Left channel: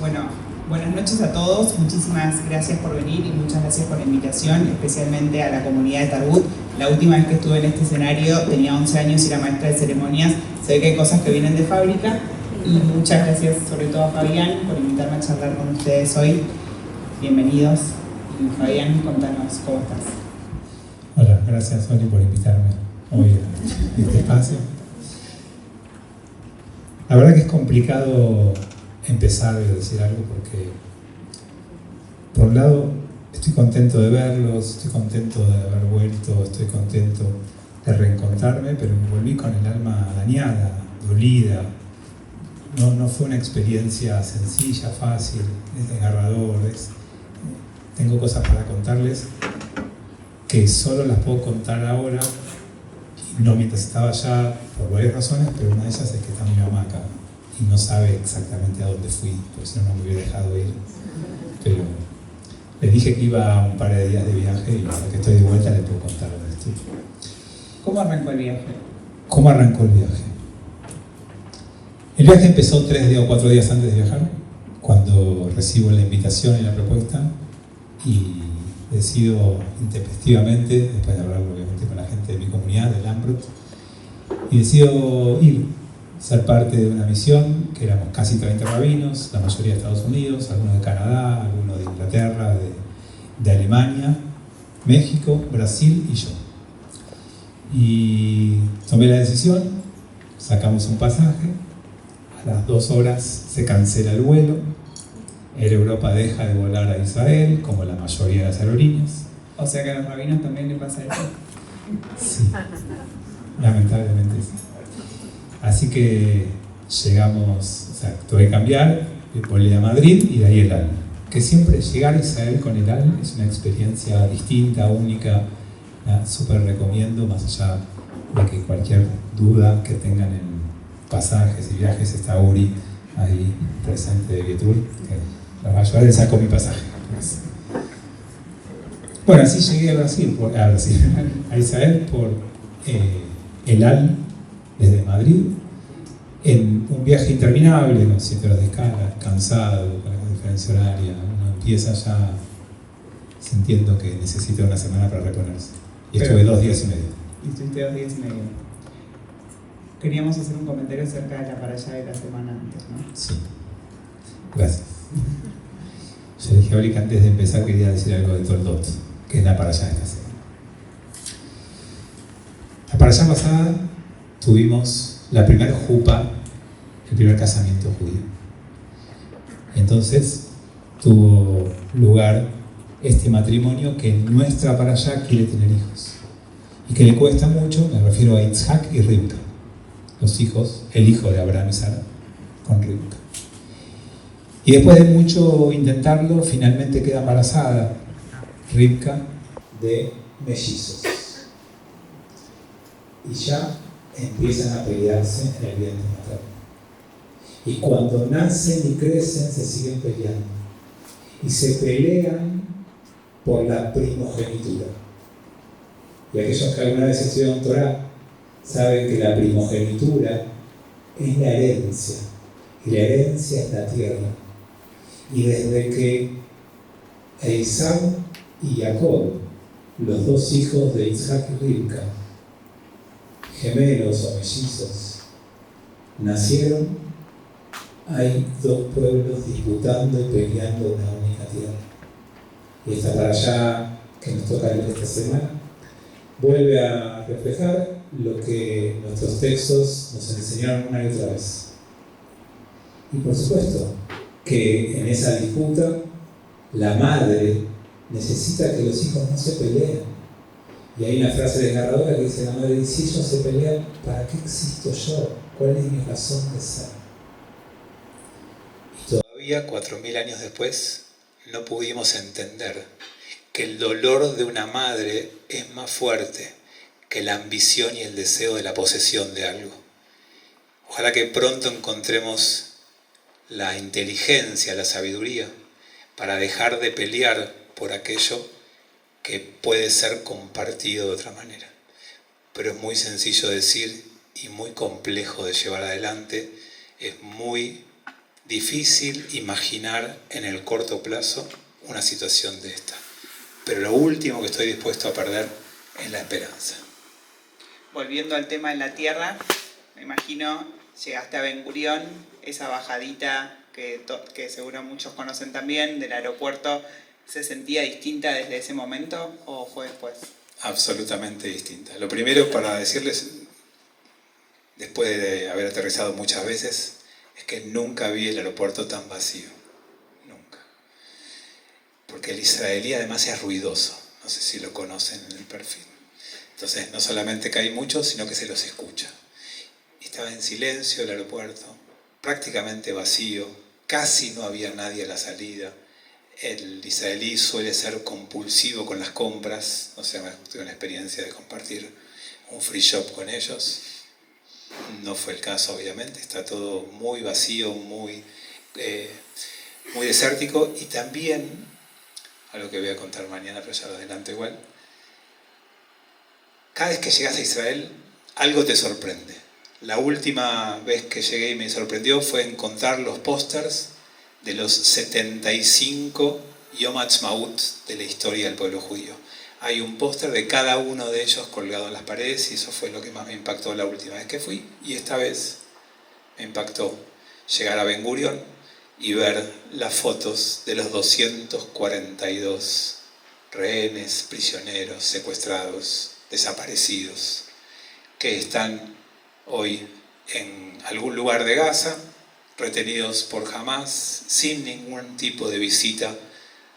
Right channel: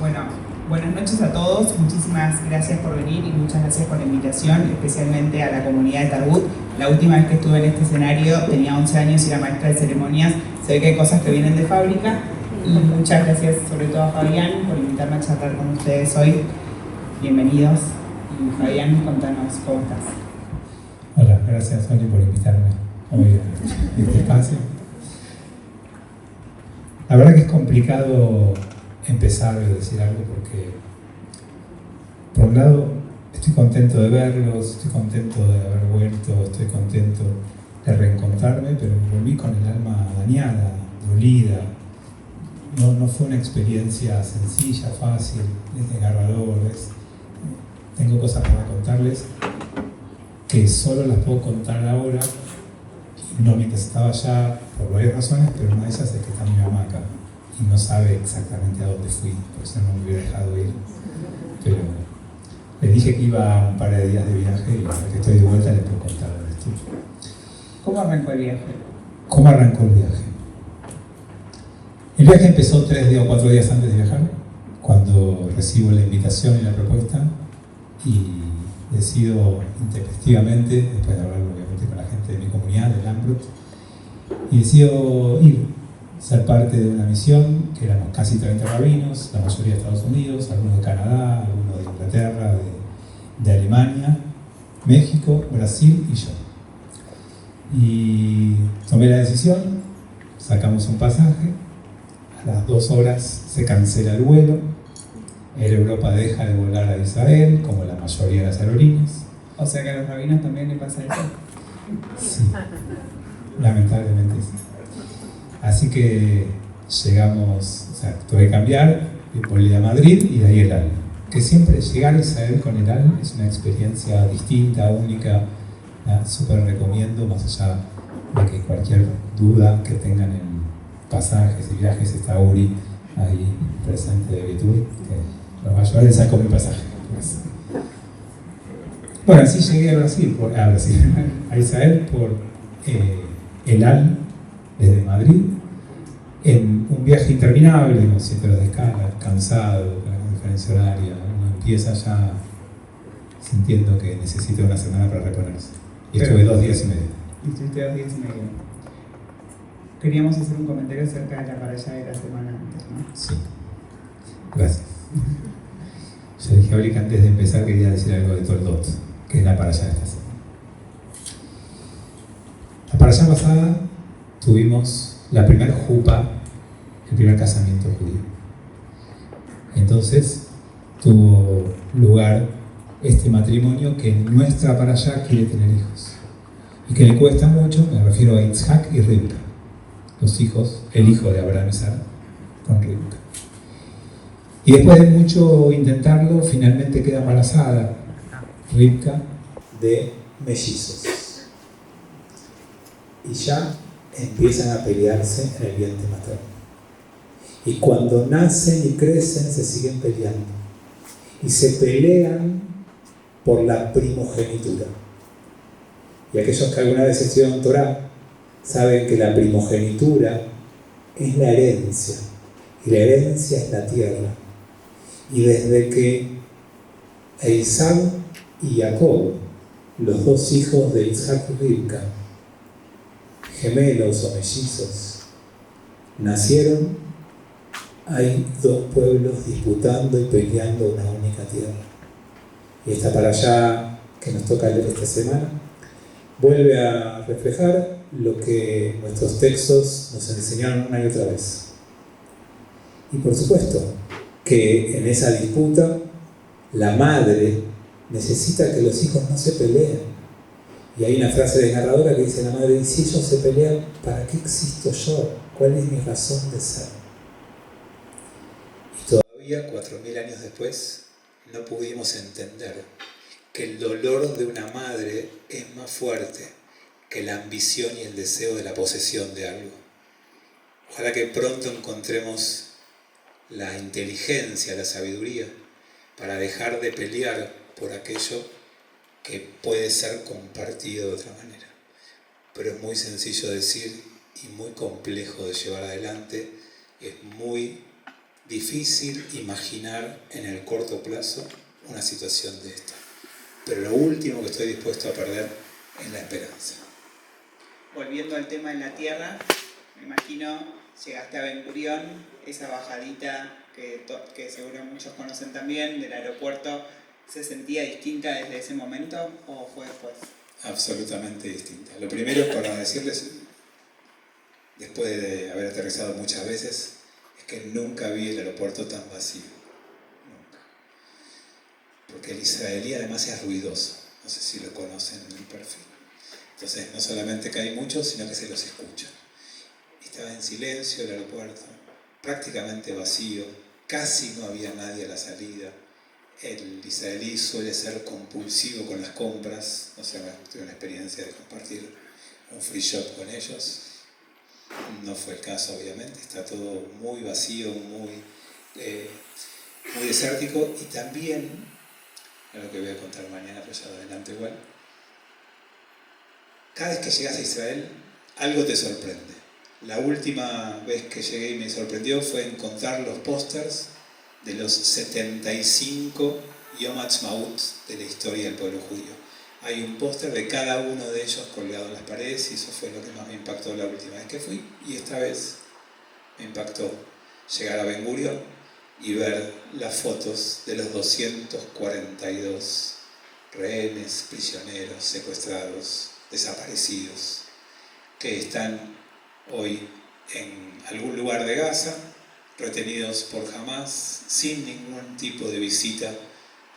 Bueno, buenas noches a todos, muchísimas gracias por venir y muchas gracias por la invitación, especialmente a la comunidad de Tarbut. La última vez que estuve en este escenario tenía 11 años y era maestra de ceremonias, se ve que hay cosas que vienen de fábrica y muchas gracias sobre todo a Fabián por invitarme a charlar con ustedes hoy. Bienvenidos y Fabián, contanos cómo estás. Hola, gracias Oli por invitarme hoy a este espacio. La verdad que es complicado empezar a decir algo porque, por un lado, estoy contento de verlos, estoy contento de haber vuelto, estoy contento de reencontrarme, pero me volví con el alma dañada, dolida. No fue una experiencia sencilla, fácil, es desgarrador. Tengo cosas para contarles que solo las puedo contar ahora, y no mientras estaba allá, por varias razones, pero una de ellas es que está mi mamá acá y no sabe exactamente a dónde fui, por eso no me hubiera dejado ir. Pero le dije que iba un par de días de viaje y ahora que estoy de vuelta le puedo contar esto. ¿Cómo arrancó el viaje? ¿Cómo arrancó el viaje? El viaje empezó 3 o 4 días antes de viajar, cuando recibo la invitación y la propuesta y decido intempestivamente, después de hablar obviamente con la gente de mi comunidad, del Lambrut, y decido ir, ser parte de una misión, que éramos casi 30 rabinos, la mayoría de Estados Unidos, algunos de Canadá, algunos de Inglaterra, de Alemania, México, Brasil y yo. Y tomé la decisión, sacamos un pasaje, a las 2 horas se cancela el vuelo, Air Europa deja de volar a Israel, como la mayoría de las aerolíneas. O sea que a los rabinos también le pasa eso. Sí, lamentablemente sí. Así que llegamos, o sea, tuve que cambiar, volé a Madrid y de ahí el AL. Que siempre llegar a Israel con el AL es una experiencia distinta, única, súper recomiendo, más allá de que cualquier duda que tengan en pasajes y viajes, está Uri ahí presente de Vietur, que los va a ayudar, él sacó mi pasaje. Bueno, así llegué a Israel por el AL desde Madrid, en un viaje interminable, con 7 horas de escala, cansado, con la diferencia horaria. Uno empieza ya sintiendo que necesita una semana para reponerse. Y estuve 2 días y medio. Y estuviste 2 días y medio. Queríamos hacer un comentario acerca de la parashá de la semana antes, ¿no? Sí. Gracias. Yo dije ahorita que antes de empezar quería decir algo de Toldot, que es la parashá de esta semana. La parashá pasada tuvimos la primera jupa, el primer casamiento judío. Entonces tuvo lugar este matrimonio que en nuestra parashá quiere tener hijos. Y que le cuesta mucho, me refiero a Yitzhak y Rivka, los hijos, el hijo de Abraham y Sara, con Rivka. Y después de mucho intentarlo, finalmente queda embarazada Rivka de mellizos. Y ya empiezan a pelearse en el vientre materno. Y cuando nacen y crecen, se siguen peleando. Y se pelean por la primogenitura. Y aquellos que alguna vez estudiaron Torá saben que la primogenitura es la herencia. Y la herencia es la tierra. Y desde que Esaú y Jacob, los 2 hijos de Isaac y Rivka, gemelos o mellizos, nacieron, hay 2 pueblos disputando y peleando una única tierra. Y esta parashá que nos toca leer esta semana vuelve a reflejar lo que nuestros textos nos enseñaron una y otra vez. Y por supuesto que en esa disputa la madre necesita que los hijos no se peleen. Y hay una frase desgarradora que dice la madre: si ellos se pelean, ¿para qué existo yo? ¿Cuál es mi razón de ser? Y todavía 4000 años después no pudimos entender que el dolor de una madre es más fuerte que la ambición y el deseo de la posesión de algo. Ojalá que pronto encontremos la inteligencia, la sabiduría, para dejar de pelear por aquello que puede ser compartido de otra manera. Pero es muy sencillo decir y muy complejo de llevar adelante, es muy difícil imaginar en el corto plazo una situación de esta. Pero lo último que estoy dispuesto a perder es la esperanza. Volviendo al tema de la tierra, me imagino, llegaste a Ben Gurión, esa bajadita que seguro muchos conocen también, del aeropuerto, ¿se sentía distinta desde ese momento o fue después? Absolutamente distinta. Lo primero para decirles, después de haber aterrizado muchas veces, es que nunca vi el aeropuerto tan vacío. Nunca. Porque el israelí además es ruidoso. No sé si lo conocen en el perfil. Entonces no solamente que hay muchos, sino que se los escucha. Estaba en silencio el aeropuerto, prácticamente vacío, casi no había nadie a la salida. El israelí suele ser compulsivo con las compras, no sé, tuve una experiencia de compartir un free shop con ellos. No fue el caso, obviamente, está todo muy vacío, muy desértico, y también, algo que voy a contar mañana, pero ya lo adelanto igual, cada vez que llegas a Israel, algo te sorprende. La última vez que llegué y me sorprendió fue encontrar los pósters de los 75 Yom Ha'atzmaut de la historia del pueblo judío. Hay un póster de cada uno de ellos colgado en las paredes, y eso fue lo que más me impactó la última vez que fui. Y esta vez me impactó llegar a Ben Gurión y ver las fotos de los 242 rehenes, prisioneros, secuestrados, desaparecidos, que están hoy en algún lugar de Gaza, retenidos por Hamas, sin ningún tipo de visita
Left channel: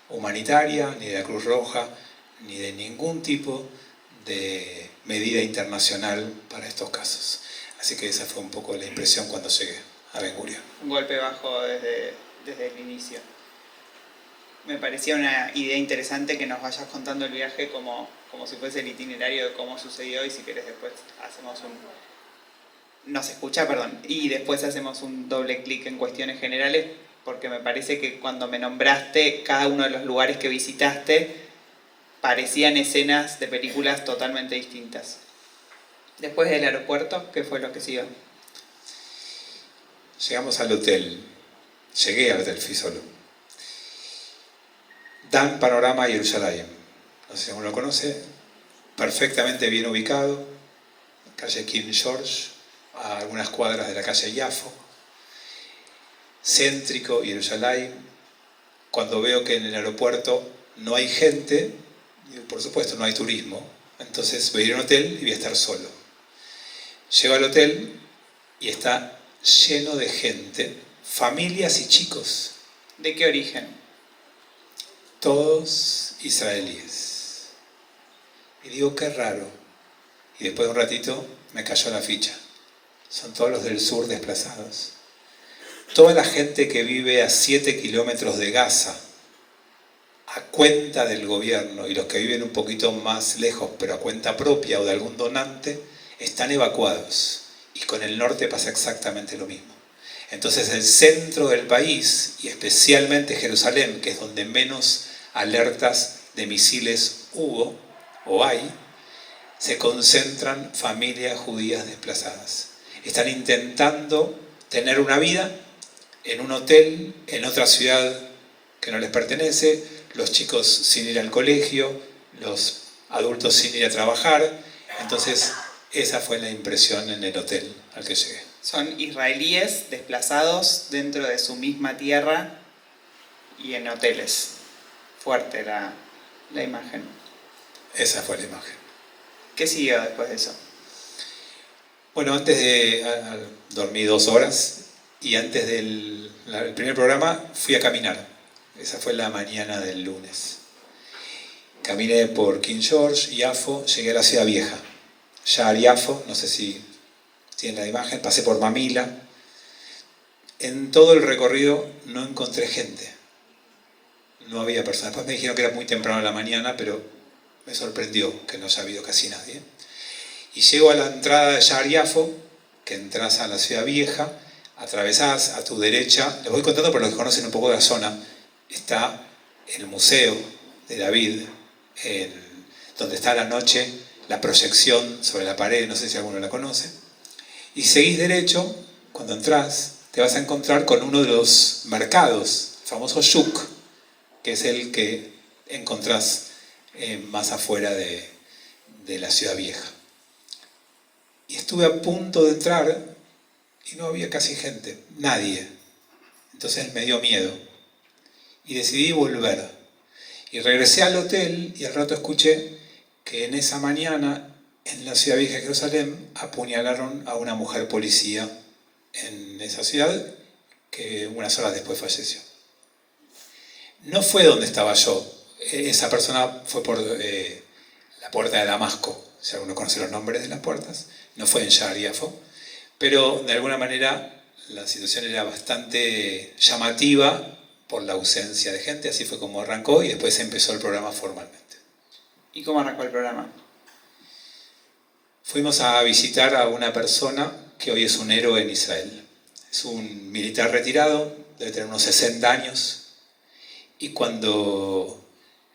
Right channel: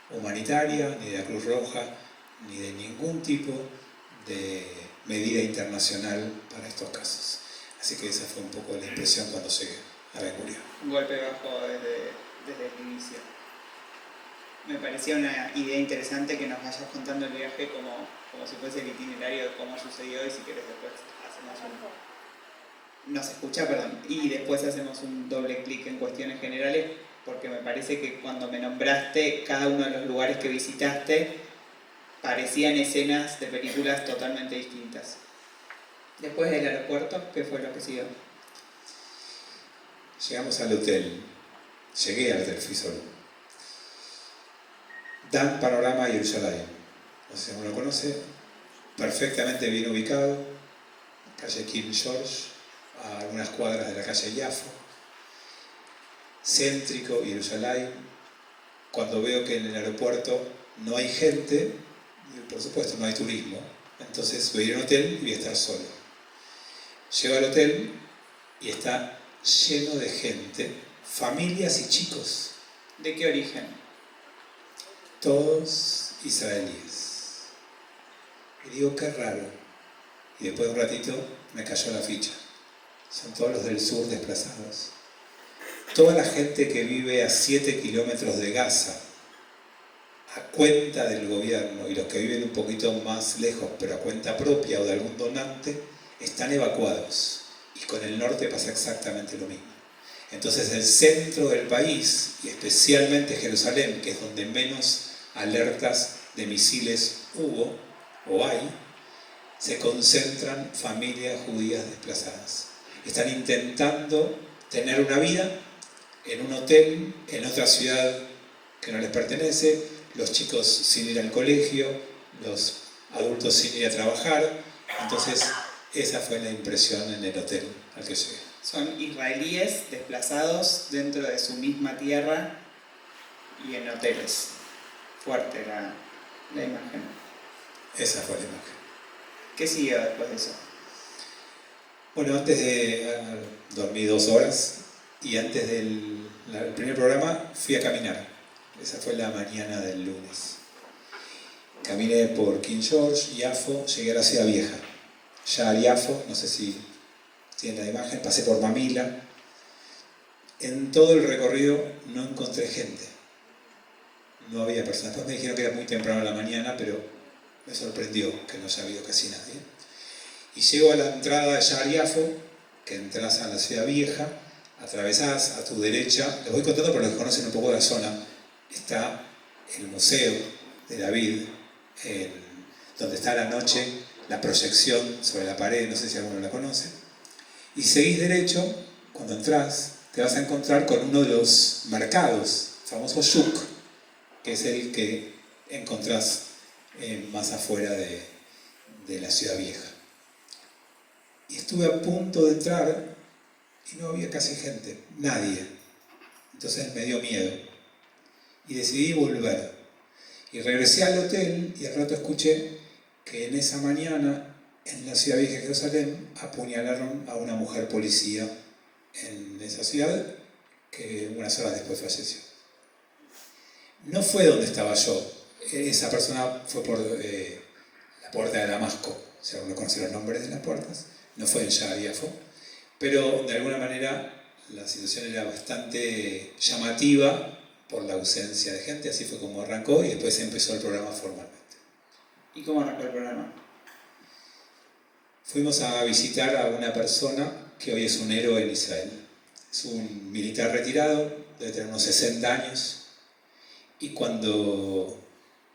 humanitaria, ni de la Cruz Roja, ni de ningún tipo de medida internacional para estos casos. Así que esa fue un poco la impresión cuando llegué a Ben Gurión. Un golpe bajo desde el inicio. Me parecía una idea interesante que nos vayas contando el viaje como si fuese el itinerario de cómo sucedió, y si querés después hacemos y después hacemos un doble clic en cuestiones generales, porque me parece que cuando me nombraste cada uno de los lugares que visitaste parecían escenas de películas totalmente distintas. Después del aeropuerto, ¿qué fue lo que siguió? Llegamos al hotel, llegué al hotel, fui solo. Dan panorama a Jerusalén, no sé si uno lo conoce, perfectamente bien ubicado, calle King George, a algunas cuadras de la calle Yafo, céntrico Jerusalén. Cuando veo que en el aeropuerto no hay gente, por supuesto no hay turismo, entonces voy a ir a un hotel y voy a estar solo. Llego al hotel y está lleno de gente, familias y chicos. ¿De qué origen? Todos israelíes. Y digo, qué raro. Y después de un ratito me cayó la ficha. Son todos los del sur desplazados. Toda la gente que vive a 7 kilómetros de Gaza, a cuenta del gobierno, y los que viven un poquito más lejos, pero a cuenta propia o de algún donante, están evacuados. Y con el norte pasa exactamente lo mismo. Entonces el centro del país, y especialmente Jerusalén, que es donde menos alertas de misiles hubo o hay, se concentran familias judías desplazadas. Están intentando tener una vida en un hotel, en otra ciudad que no les pertenece, los chicos sin ir al colegio, los adultos sin ir a trabajar. Entonces esa fue la impresión en el hotel al que llegué. Son israelíes desplazados dentro de su misma tierra y en hoteles. Fuerte la imagen. Esa fue la imagen. ¿Qué siguió después de eso? Bueno, dormí 2 horas, y antes del primer programa fui a caminar. Esa fue la mañana del lunes. Caminé por King George, Yafo, llegué a la Ciudad Vieja. Ya Yafo, no sé si tienen la imagen, pasé por Mamila. En todo el recorrido no encontré gente. No había personas. Después me dijeron que era muy temprano en la mañana, pero me sorprendió que no haya habido casi nadie. Y llego a la entrada de Yar Yafo, que entras a la Ciudad Vieja, atravesás a tu derecha. Les voy contando para los que conocen un poco de la zona. Está el Museo de David, donde está a la noche la proyección sobre la pared, no sé si alguno la conoce. Y seguís derecho, cuando entrás, te vas a encontrar con uno de los mercados, el famoso shuk, que es el que encontrás más afuera de la ciudad vieja. Y estuve a punto de entrar y no había casi gente, nadie. Entonces me dio miedo y decidí volver. Y regresé al hotel y al rato escuché que en esa mañana en la ciudad vieja de Jerusalén apuñalaron a una mujer policía en esa ciudad que unas horas después falleció. No fue donde estaba yo. Esa persona fue por la puerta de Damasco, si alguno conoce los nombres de las puertas. No fue en Sha'ar Yafo, pero de alguna manera la situación era bastante llamativa por la ausencia de gente, así fue como arrancó y después empezó el programa formalmente. ¿Y cómo arrancó el programa? Fuimos a visitar a una persona que hoy es un héroe en Israel. Es un militar retirado, debe tener unos 60 años, y cuando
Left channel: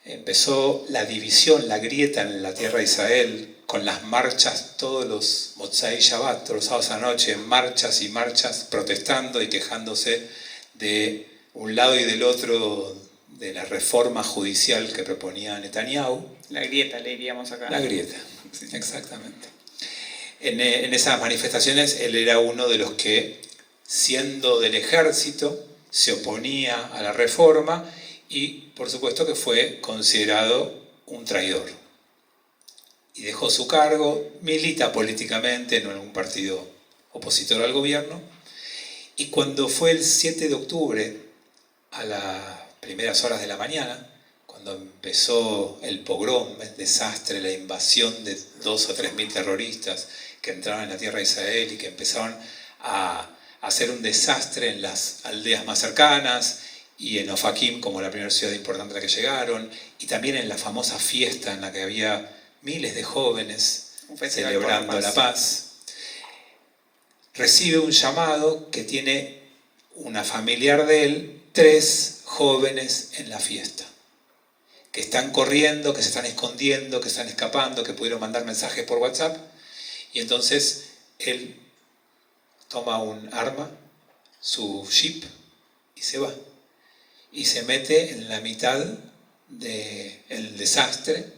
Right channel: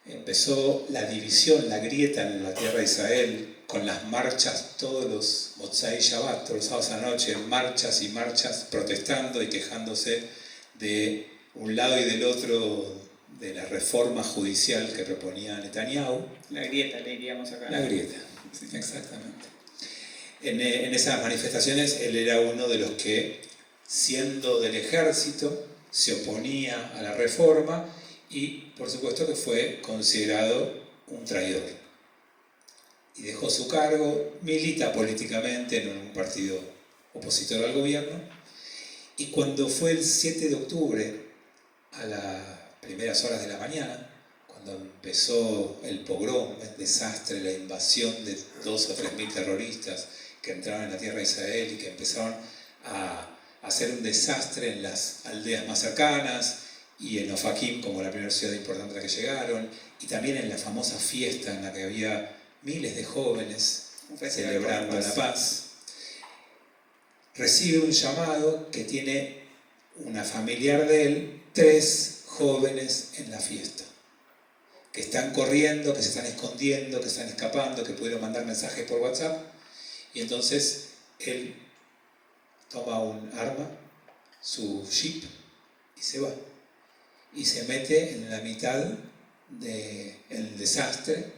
empezó la división, la grieta en la tierra de Israel, con las marchas todos los Motzai Shabbat, todos los sábados a la noche, marchas y marchas, protestando y quejándose de un lado y del otro de la reforma judicial que proponía Netanyahu. La grieta, le diríamos acá. La grieta, exactamente. En esas manifestaciones él era uno de los que, siendo del ejército, se oponía a la reforma y, por supuesto, que fue considerado un traidor. Y dejó su cargo, milita políticamente en un partido opositor al gobierno, y cuando fue el 7 de octubre, a las primeras horas de la mañana, cuando empezó el pogrom, el desastre, la invasión de 2.000 o 3.000 terroristas que entraron en la tierra de Israel y que empezaron a hacer un desastre en las aldeas más cercanas y en Ofakim como la primera ciudad importante a la que llegaron, y también en la famosa fiesta en la que había miles de jóvenes celebrando la paz, recibe un llamado que tiene una familiar de él, 3 jóvenes en la fiesta, que están corriendo, que se están escondiendo, que están escapando, que pudieron mandar mensajes por WhatsApp, y entonces él toma un arma, su jeep, y se va. Y se mete en la mitad del desastre,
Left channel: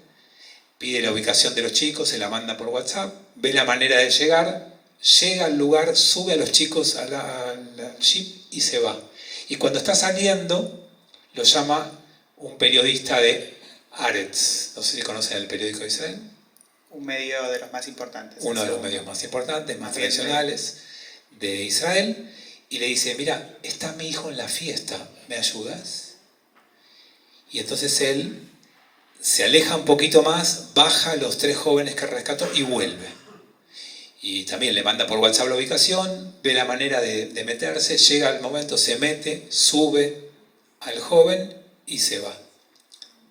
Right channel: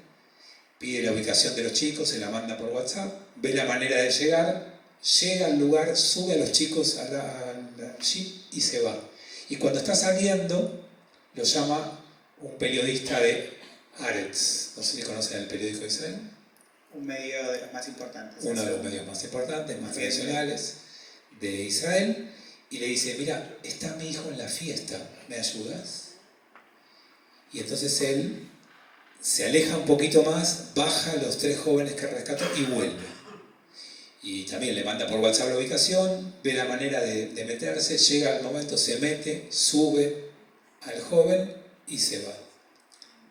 pide la ubicación de los chicos, se la manda por WhatsApp, ve la manera de llegar, llega al lugar, sube a los chicos al jeep y se va. Y cuando está saliendo, lo llama un periodista de Haaretz, no sé si conocen el periódico de Israel. Un medio de los más importantes. Uno de los medios más importantes, más tradicionales de Israel, y le dice, mira, está mi hijo en la fiesta, ¿me ayudas? Y entonces él se aleja un poquito más, baja a los 3 jóvenes que rescató y vuelve. Y también le manda por WhatsApp la ubicación, ve la manera de meterse, llega al momento, se mete, sube al joven y se va.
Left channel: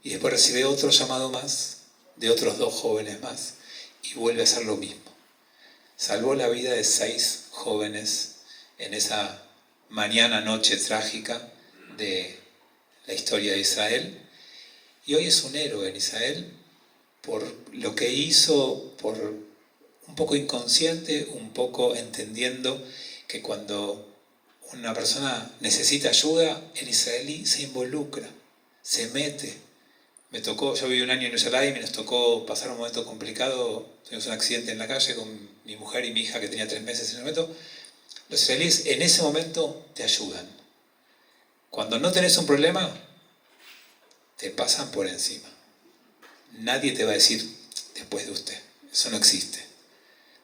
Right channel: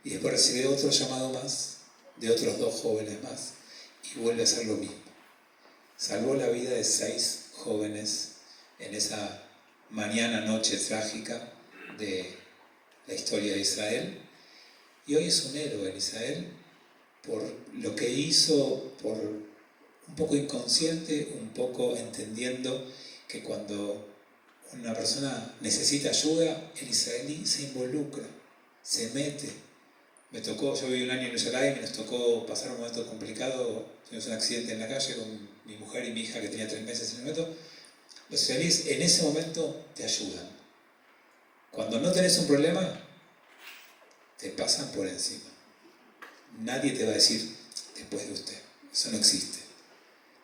Y después recibe otro llamado más, de otros 2 jóvenes más, y vuelve a hacer lo mismo. Salvó la vida de 6 jóvenes en esa mañana, noche trágica de la historia de Israel. Y hoy es un héroe en Israel por lo que hizo, por un poco inconsciente, un poco entendiendo que cuando una persona necesita ayuda, el israelí se involucra, se mete. Me tocó, yo viví un año en Jerusalén y nos tocó pasar un momento complicado. Tuvimos un accidente en la calle con mi mujer y mi hija que tenía 3 meses en el momento. Los israelíes en ese momento te ayudan. Cuando no tenés un problema, te pasan por encima. Nadie te va a decir después de usted. Eso no existe.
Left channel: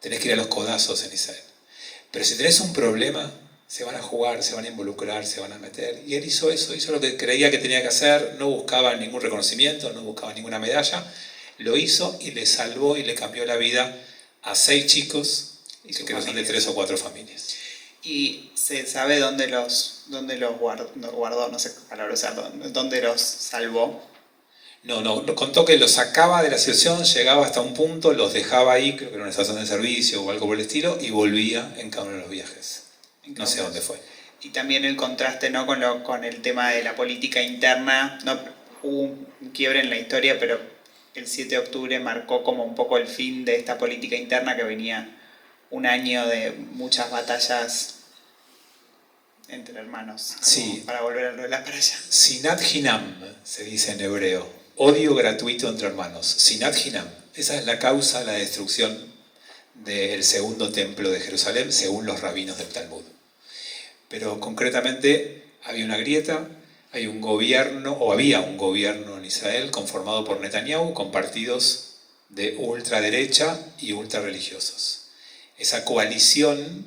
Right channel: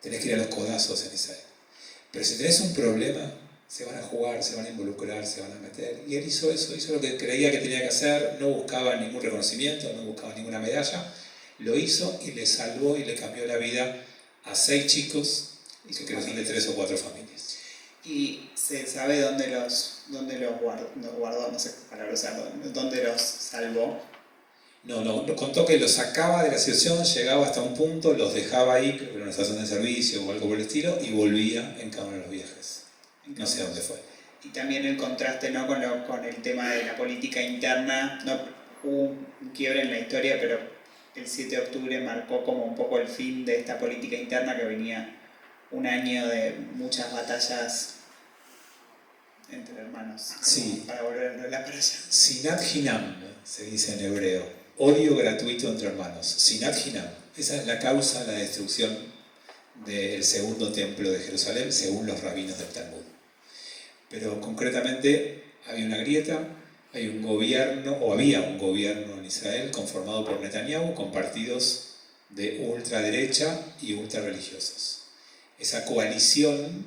Tenés que ir a los codazos en Israel. Pero si tenés un problema, se van a jugar, se van a involucrar, se van a meter. Y él hizo eso, hizo lo que creía que tenía que hacer, no buscaba ningún reconocimiento, no buscaba ninguna medalla. Lo hizo y le salvó y le cambió la vida a 6 chicos, y que creo que son de 3 o 4 familias. ¿Y se sabe dónde los guardó, no sé qué palabra usar, dónde los salvó? No, contó que los sacaba de la situación, llegaba hasta un punto, los dejaba ahí, creo que era una estación de servicio o algo por el estilo, y volvía en cada uno de los viajes. No sé dónde fue. Y también el contraste, ¿no?, con el tema de la política interna. No, hubo un quiebre en la historia, pero el 7 de octubre marcó como un poco el fin de esta política interna, que venía un año de muchas batallas entre hermanos. Sí. Para volver a hablar para allá. Sinat Hinam, se dice en hebreo. Odio gratuito entre hermanos. Sinat Hinam. Esa es la causa de la destrucción del segundo templo de Jerusalén, según los rabinos del Talmud. Pero concretamente había una grieta, hay un gobierno, o había un gobierno en Israel conformado por Netanyahu con partidos de ultraderecha y ultrarreligiosos. Esa coalición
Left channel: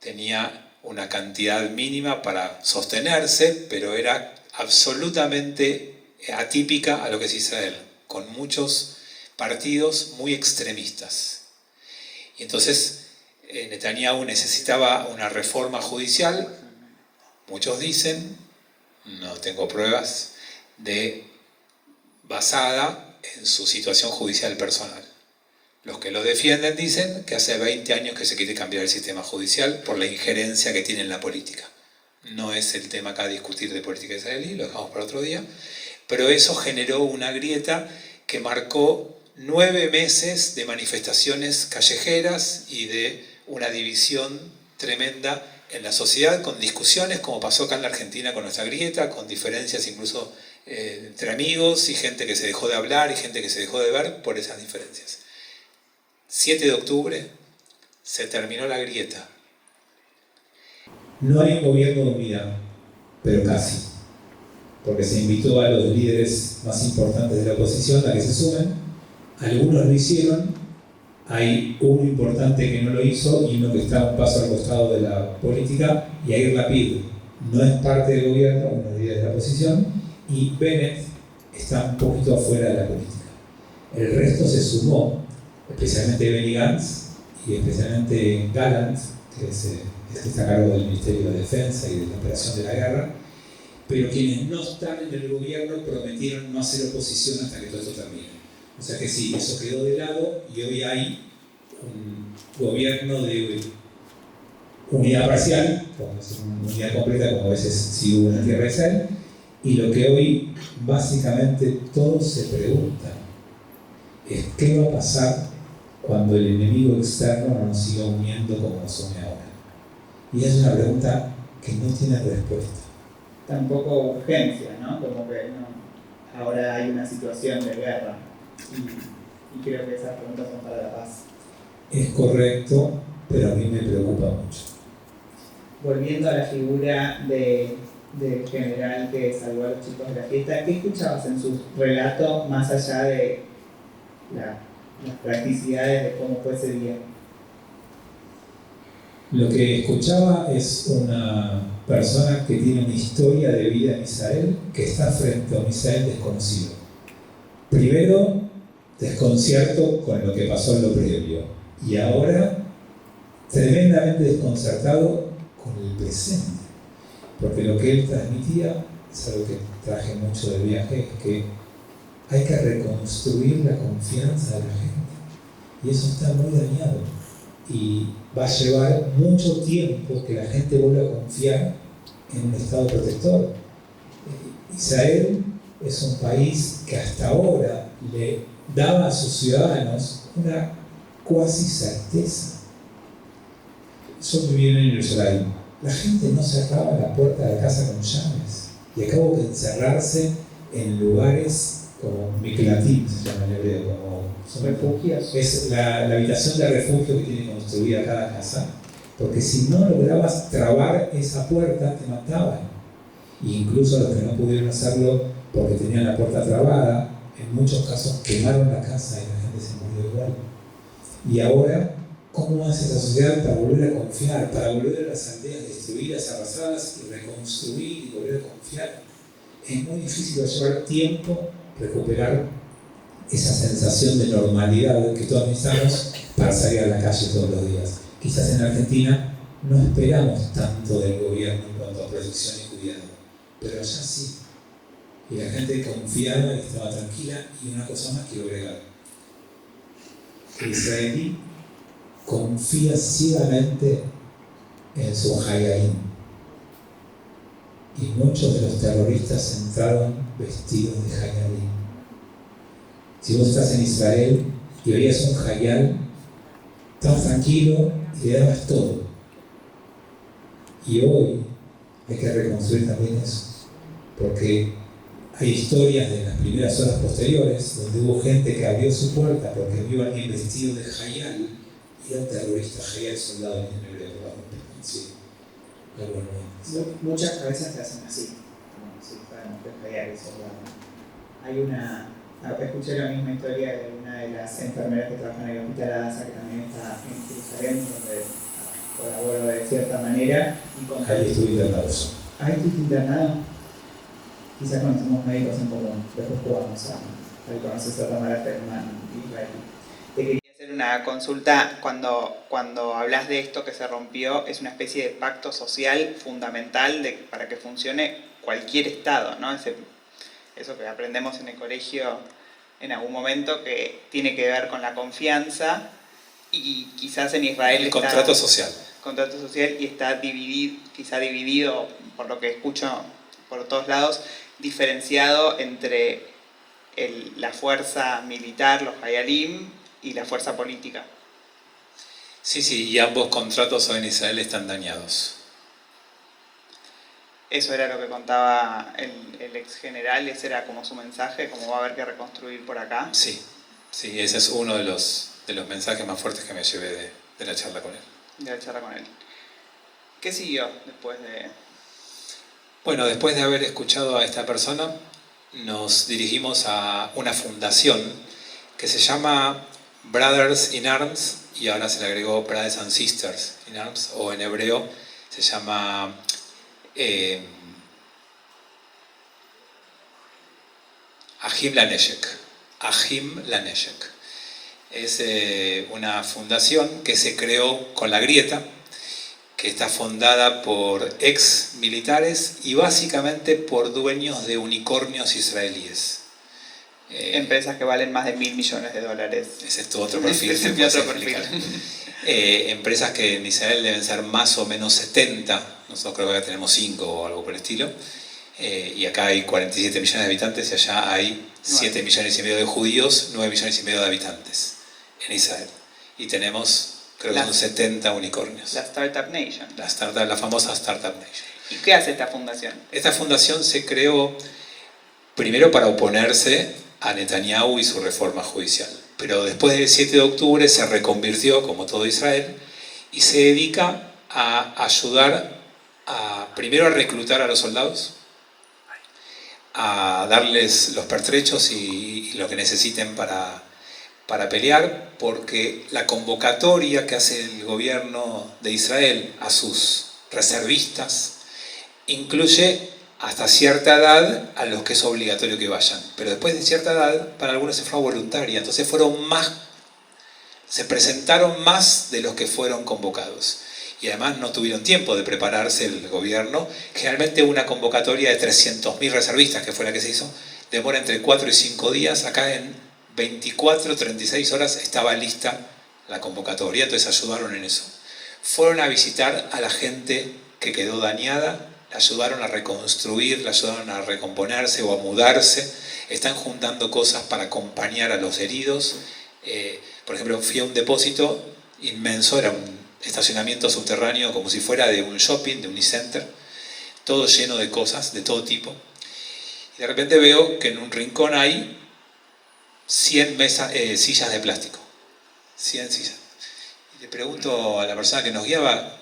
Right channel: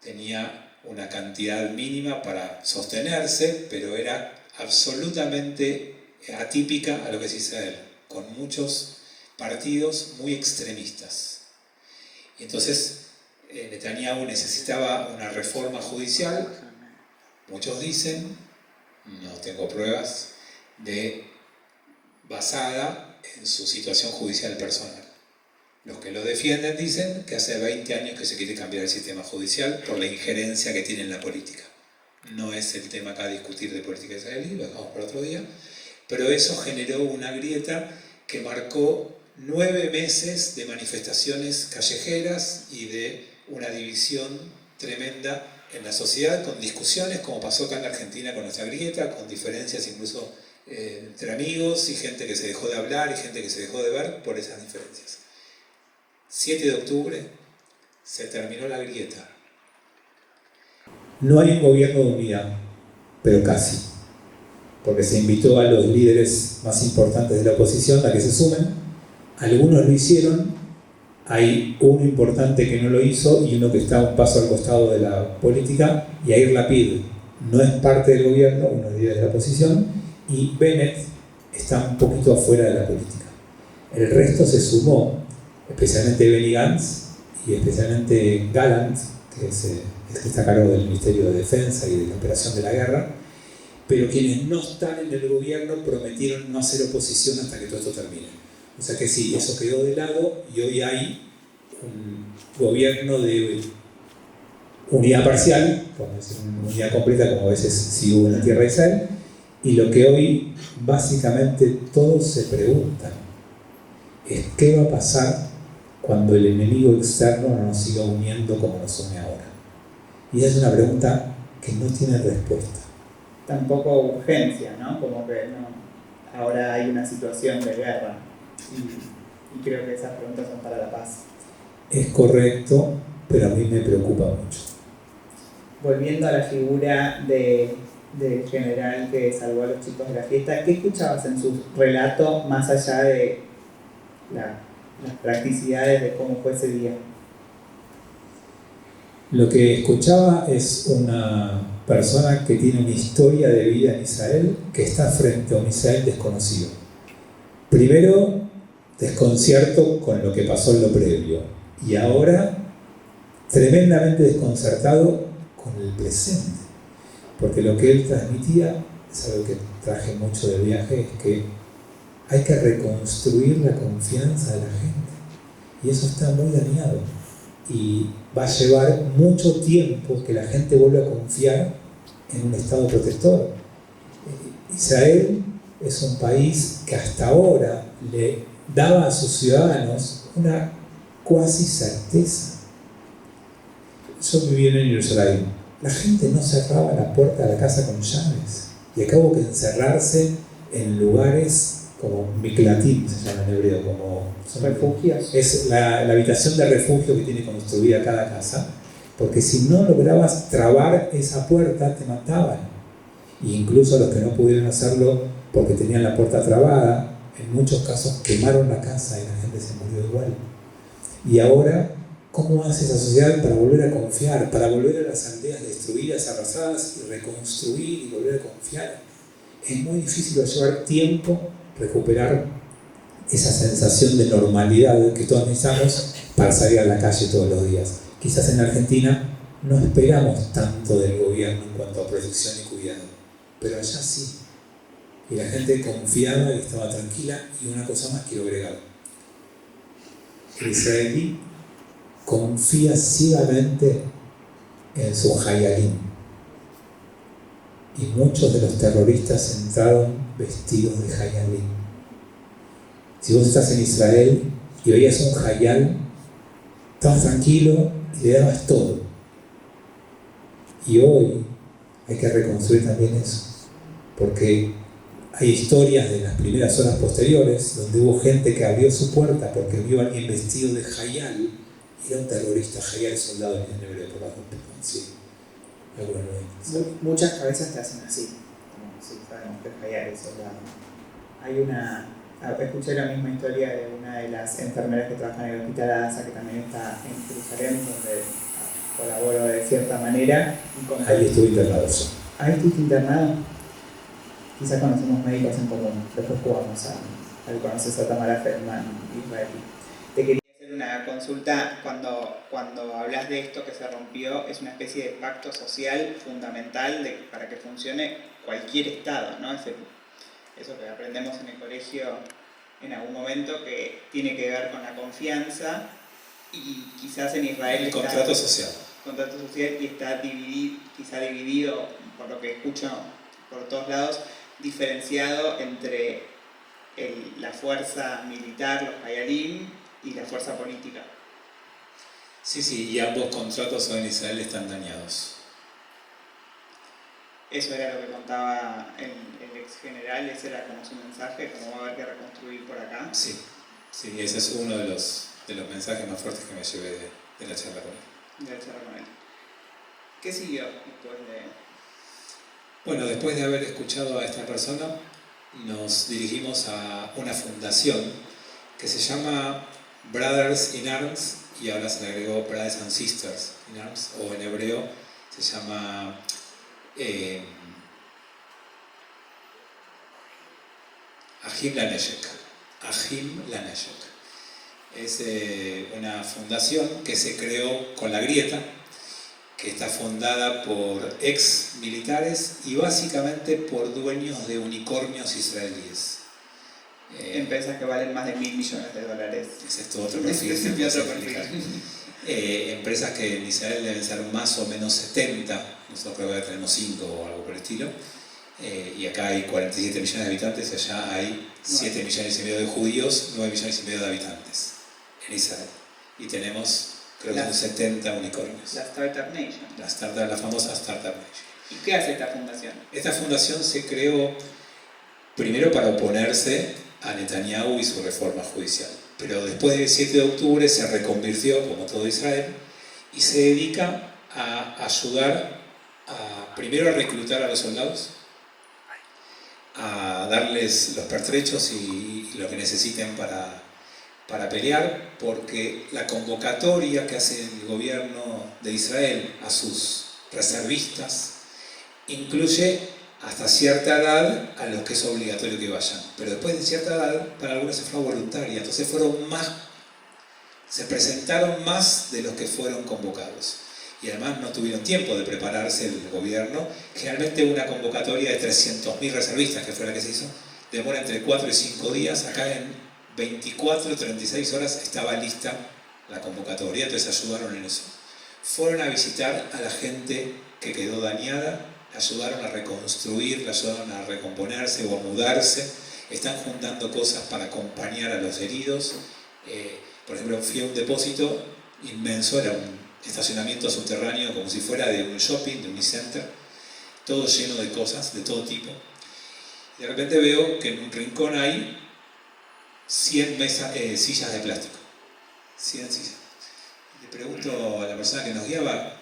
tenía una cantidad mínima para sostenerse, pero era absolutamente atípica a lo que es Israel, con muchos partidos muy extremistas. Y entonces Netanyahu necesitaba una reforma judicial, muchos dicen, no tengo pruebas, basada en su situación judicial personal. Los que lo defienden dicen que hace 20 años que se quiere cambiar el sistema judicial por la injerencia que tiene en la política. No es el tema acá a discutir de política israelí, lo dejamos para otro día, pero eso generó una grieta que marcó 9 meses de manifestaciones callejeras y de una división tremenda en la sociedad, con discusiones, como pasó acá en la Argentina con nuestra grieta, con diferencias incluso entre amigos y gente que se dejó de hablar y gente que se dejó de ver por esas diferencias. 7 de octubre se terminó la grieta. No hay un gobierno de unidad, pero casi, porque se invitó a los líderes más importantes de la oposición a que se sumen. Algunos lo hicieron, hay uno importante que no lo hizo y uno que está un paso al costado de la política. Yair Lapid no es parte del gobierno, uno de los líderes de la oposición, y Bennett está un poquito afuera de la política. El resto se sumó, especialmente Benny Gantz y especialmente Gallant, que es el que está a cargo del Ministerio de Defensa y de la operación de la guerra, pero quienes no están en el gobierno prometieron no hacer oposición hasta que todo esto termine. O sea que sí, eso quedó de lado y hoy hay un gobierno de unidad parcial, como decir, una unidad completa, como a veces sí hubo en la tierra de Israel, y lo que hoy básicamente todos se preguntan es qué va a pasar cuando el enemigo externo no nos siga uniendo como nos une ahora. Y es una pregunta que no tiene respuesta. Tampoco urgencia, ¿no? Como que no, ahora hay una situación de guerra. Y creo que esas preguntas son para la paz. Es correcto, pero a mí me preocupa mucho. Volviendo a la figura del general que salvó a los chicos de la fiesta, ¿qué escuchabas en su relato más allá de las practicidades de cómo fue ese día? Lo que escuchaba es una persona que tiene una historia de vida en Israel que está frente a un Israel desconocido. Primero, desconcierto con lo que pasó en lo previo, y ahora tremendamente desconcertado con el presente, porque lo que él transmitía, es algo que traje mucho del viaje, es que hay que reconstruir la confianza de la gente, y eso está muy dañado, y va a llevar mucho tiempo que la gente vuelva a confiar en un Estado protector. Israel es un país que hasta ahora le daba a sus ciudadanos una cuasi certeza. Yo viví en Jerusalén. La gente no cerraba la puerta de la casa con llaves. Y acabo que encerrarse en lugares como Miklatim, se llama en hebreo, como refugios. Es la habitación de refugio que tiene construida cada casa, porque si no lograbas trabar esa puerta, te mataban. E incluso los que no pudieron hacerlo porque tenían la puerta trabada, en muchos casos quemaron la casa y la gente se murió igual. Y ahora, ¿cómo hace esa sociedad para volver a confiar? Para volver a las aldeas destruidas, arrasadas, y reconstruir y volver a confiar. Es muy difícil, va a llevar tiempo recuperar esa sensación de normalidad que todos necesitamos para salir a la calle todos los días. Quizás en Argentina no esperamos tanto del gobierno en cuanto a protección y cuidado, pero allá sí. Y la gente confiaba y estaba tranquila. Y una cosa más quiero agregar: el israelí confía ciegamente en su hayalim, y muchos de los terroristas entraron vestidos de hayalim. Si vos estás en Israel y veías un hayal, estabas tranquilo y le dabas todo. Y hoy hay que reconstruir también eso, porque hay historias de las primeras horas posteriores donde hubo gente que abrió su puerta porque vio a alguien vestido de Hayal, y era un terrorista. Hayal, soldado en hebreo, por bajo. Sí, algo nuevo. Muchas cabezas te hacen así, como si fueran de Hayal, soldado. Escuché la misma historia de una de las enfermeras que trabaja en el hospital Adasa, que también está en Jerusalén, donde colaboro de cierta manera. Ahí estuve internado. ¿Ahí estuviste internado? Quizás conocemos médicos en común, después jugamos a conoces a Tamara Feldman, israelí. Te quería hacer una consulta. Cuando hablas de esto que se rompió, es una especie de pacto social fundamental para que funcione cualquier Estado, ¿no? Eso que aprendemos en el colegio en algún momento, que tiene que ver con la confianza, y quizás en Israel el contrato social. Contrato social, y está dividido, por lo que escucho por todos lados, diferenciado entre la fuerza militar, los hayalim, y la fuerza política. Sí, y ambos contratos hoy en Israel están dañados. Eso era lo que contaba el ex general, ese era como su mensaje, como va a haber que reconstruir por acá. Sí, ese es uno de los mensajes más fuertes que me llevé de la charla con él. ¿Qué siguió después de...? Bueno, después de haber escuchado a esta persona, nos dirigimos a una fundación que se llama Brothers in Arms, y ahora se le agregó Brothers and Sisters in Arms, o en hebreo se llama Ahim Laneshek. Es una fundación que se creó con la Grieta, que está fundada por ex militares y básicamente por dueños de unicornios israelíes. Empresas que valen más de $1.000 millones. Ese es tu otro perfil. Empresas que en Israel deben ser más o menos 70, nosotros creo que tenemos 5 o algo por el estilo, y acá hay 47 millones de habitantes y allá hay 7 millones y medio de judíos, 9 millones y medio de habitantes en Israel. Y tenemos, creo que son 70 unicornios. La Startup Nation. La famosa Startup Nation. ¿Y qué hace esta fundación? Esta fundación se creó primero para oponerse a Netanyahu y su reforma judicial. Pero después del 7 de octubre se reconvirtió, como todo Israel, y se dedica a ayudar primero a reclutar a los soldados, a darles los pertrechos y lo que necesiten para pelear, porque la convocatoria que hace el gobierno de Israel a sus reservistas incluye hasta cierta edad a los que es obligatorio que vayan, pero después de cierta edad para algunos se fue voluntaria, entonces se presentaron más de los que fueron convocados, y además no tuvieron tiempo de prepararse el gobierno. Generalmente una convocatoria de 300.000 reservistas, que fue la que se hizo, demora entre 4 y 5 días. Acá en 24, 36 horas estaba lista la convocatoria, entonces ayudaron en eso. Fueron a visitar a la gente que quedó dañada, la ayudaron a reconstruir, la ayudaron a recomponerse o a mudarse, están juntando cosas para acompañar a los heridos. Por ejemplo, fui a un depósito inmenso, era un estacionamiento subterráneo como si fuera de un shopping, de un e-center, todo lleno de cosas de todo tipo. Y de repente veo que en un rincón hay 100 sillas de plástico. 100 sillas. Y le pregunto a la persona que nos guiaba,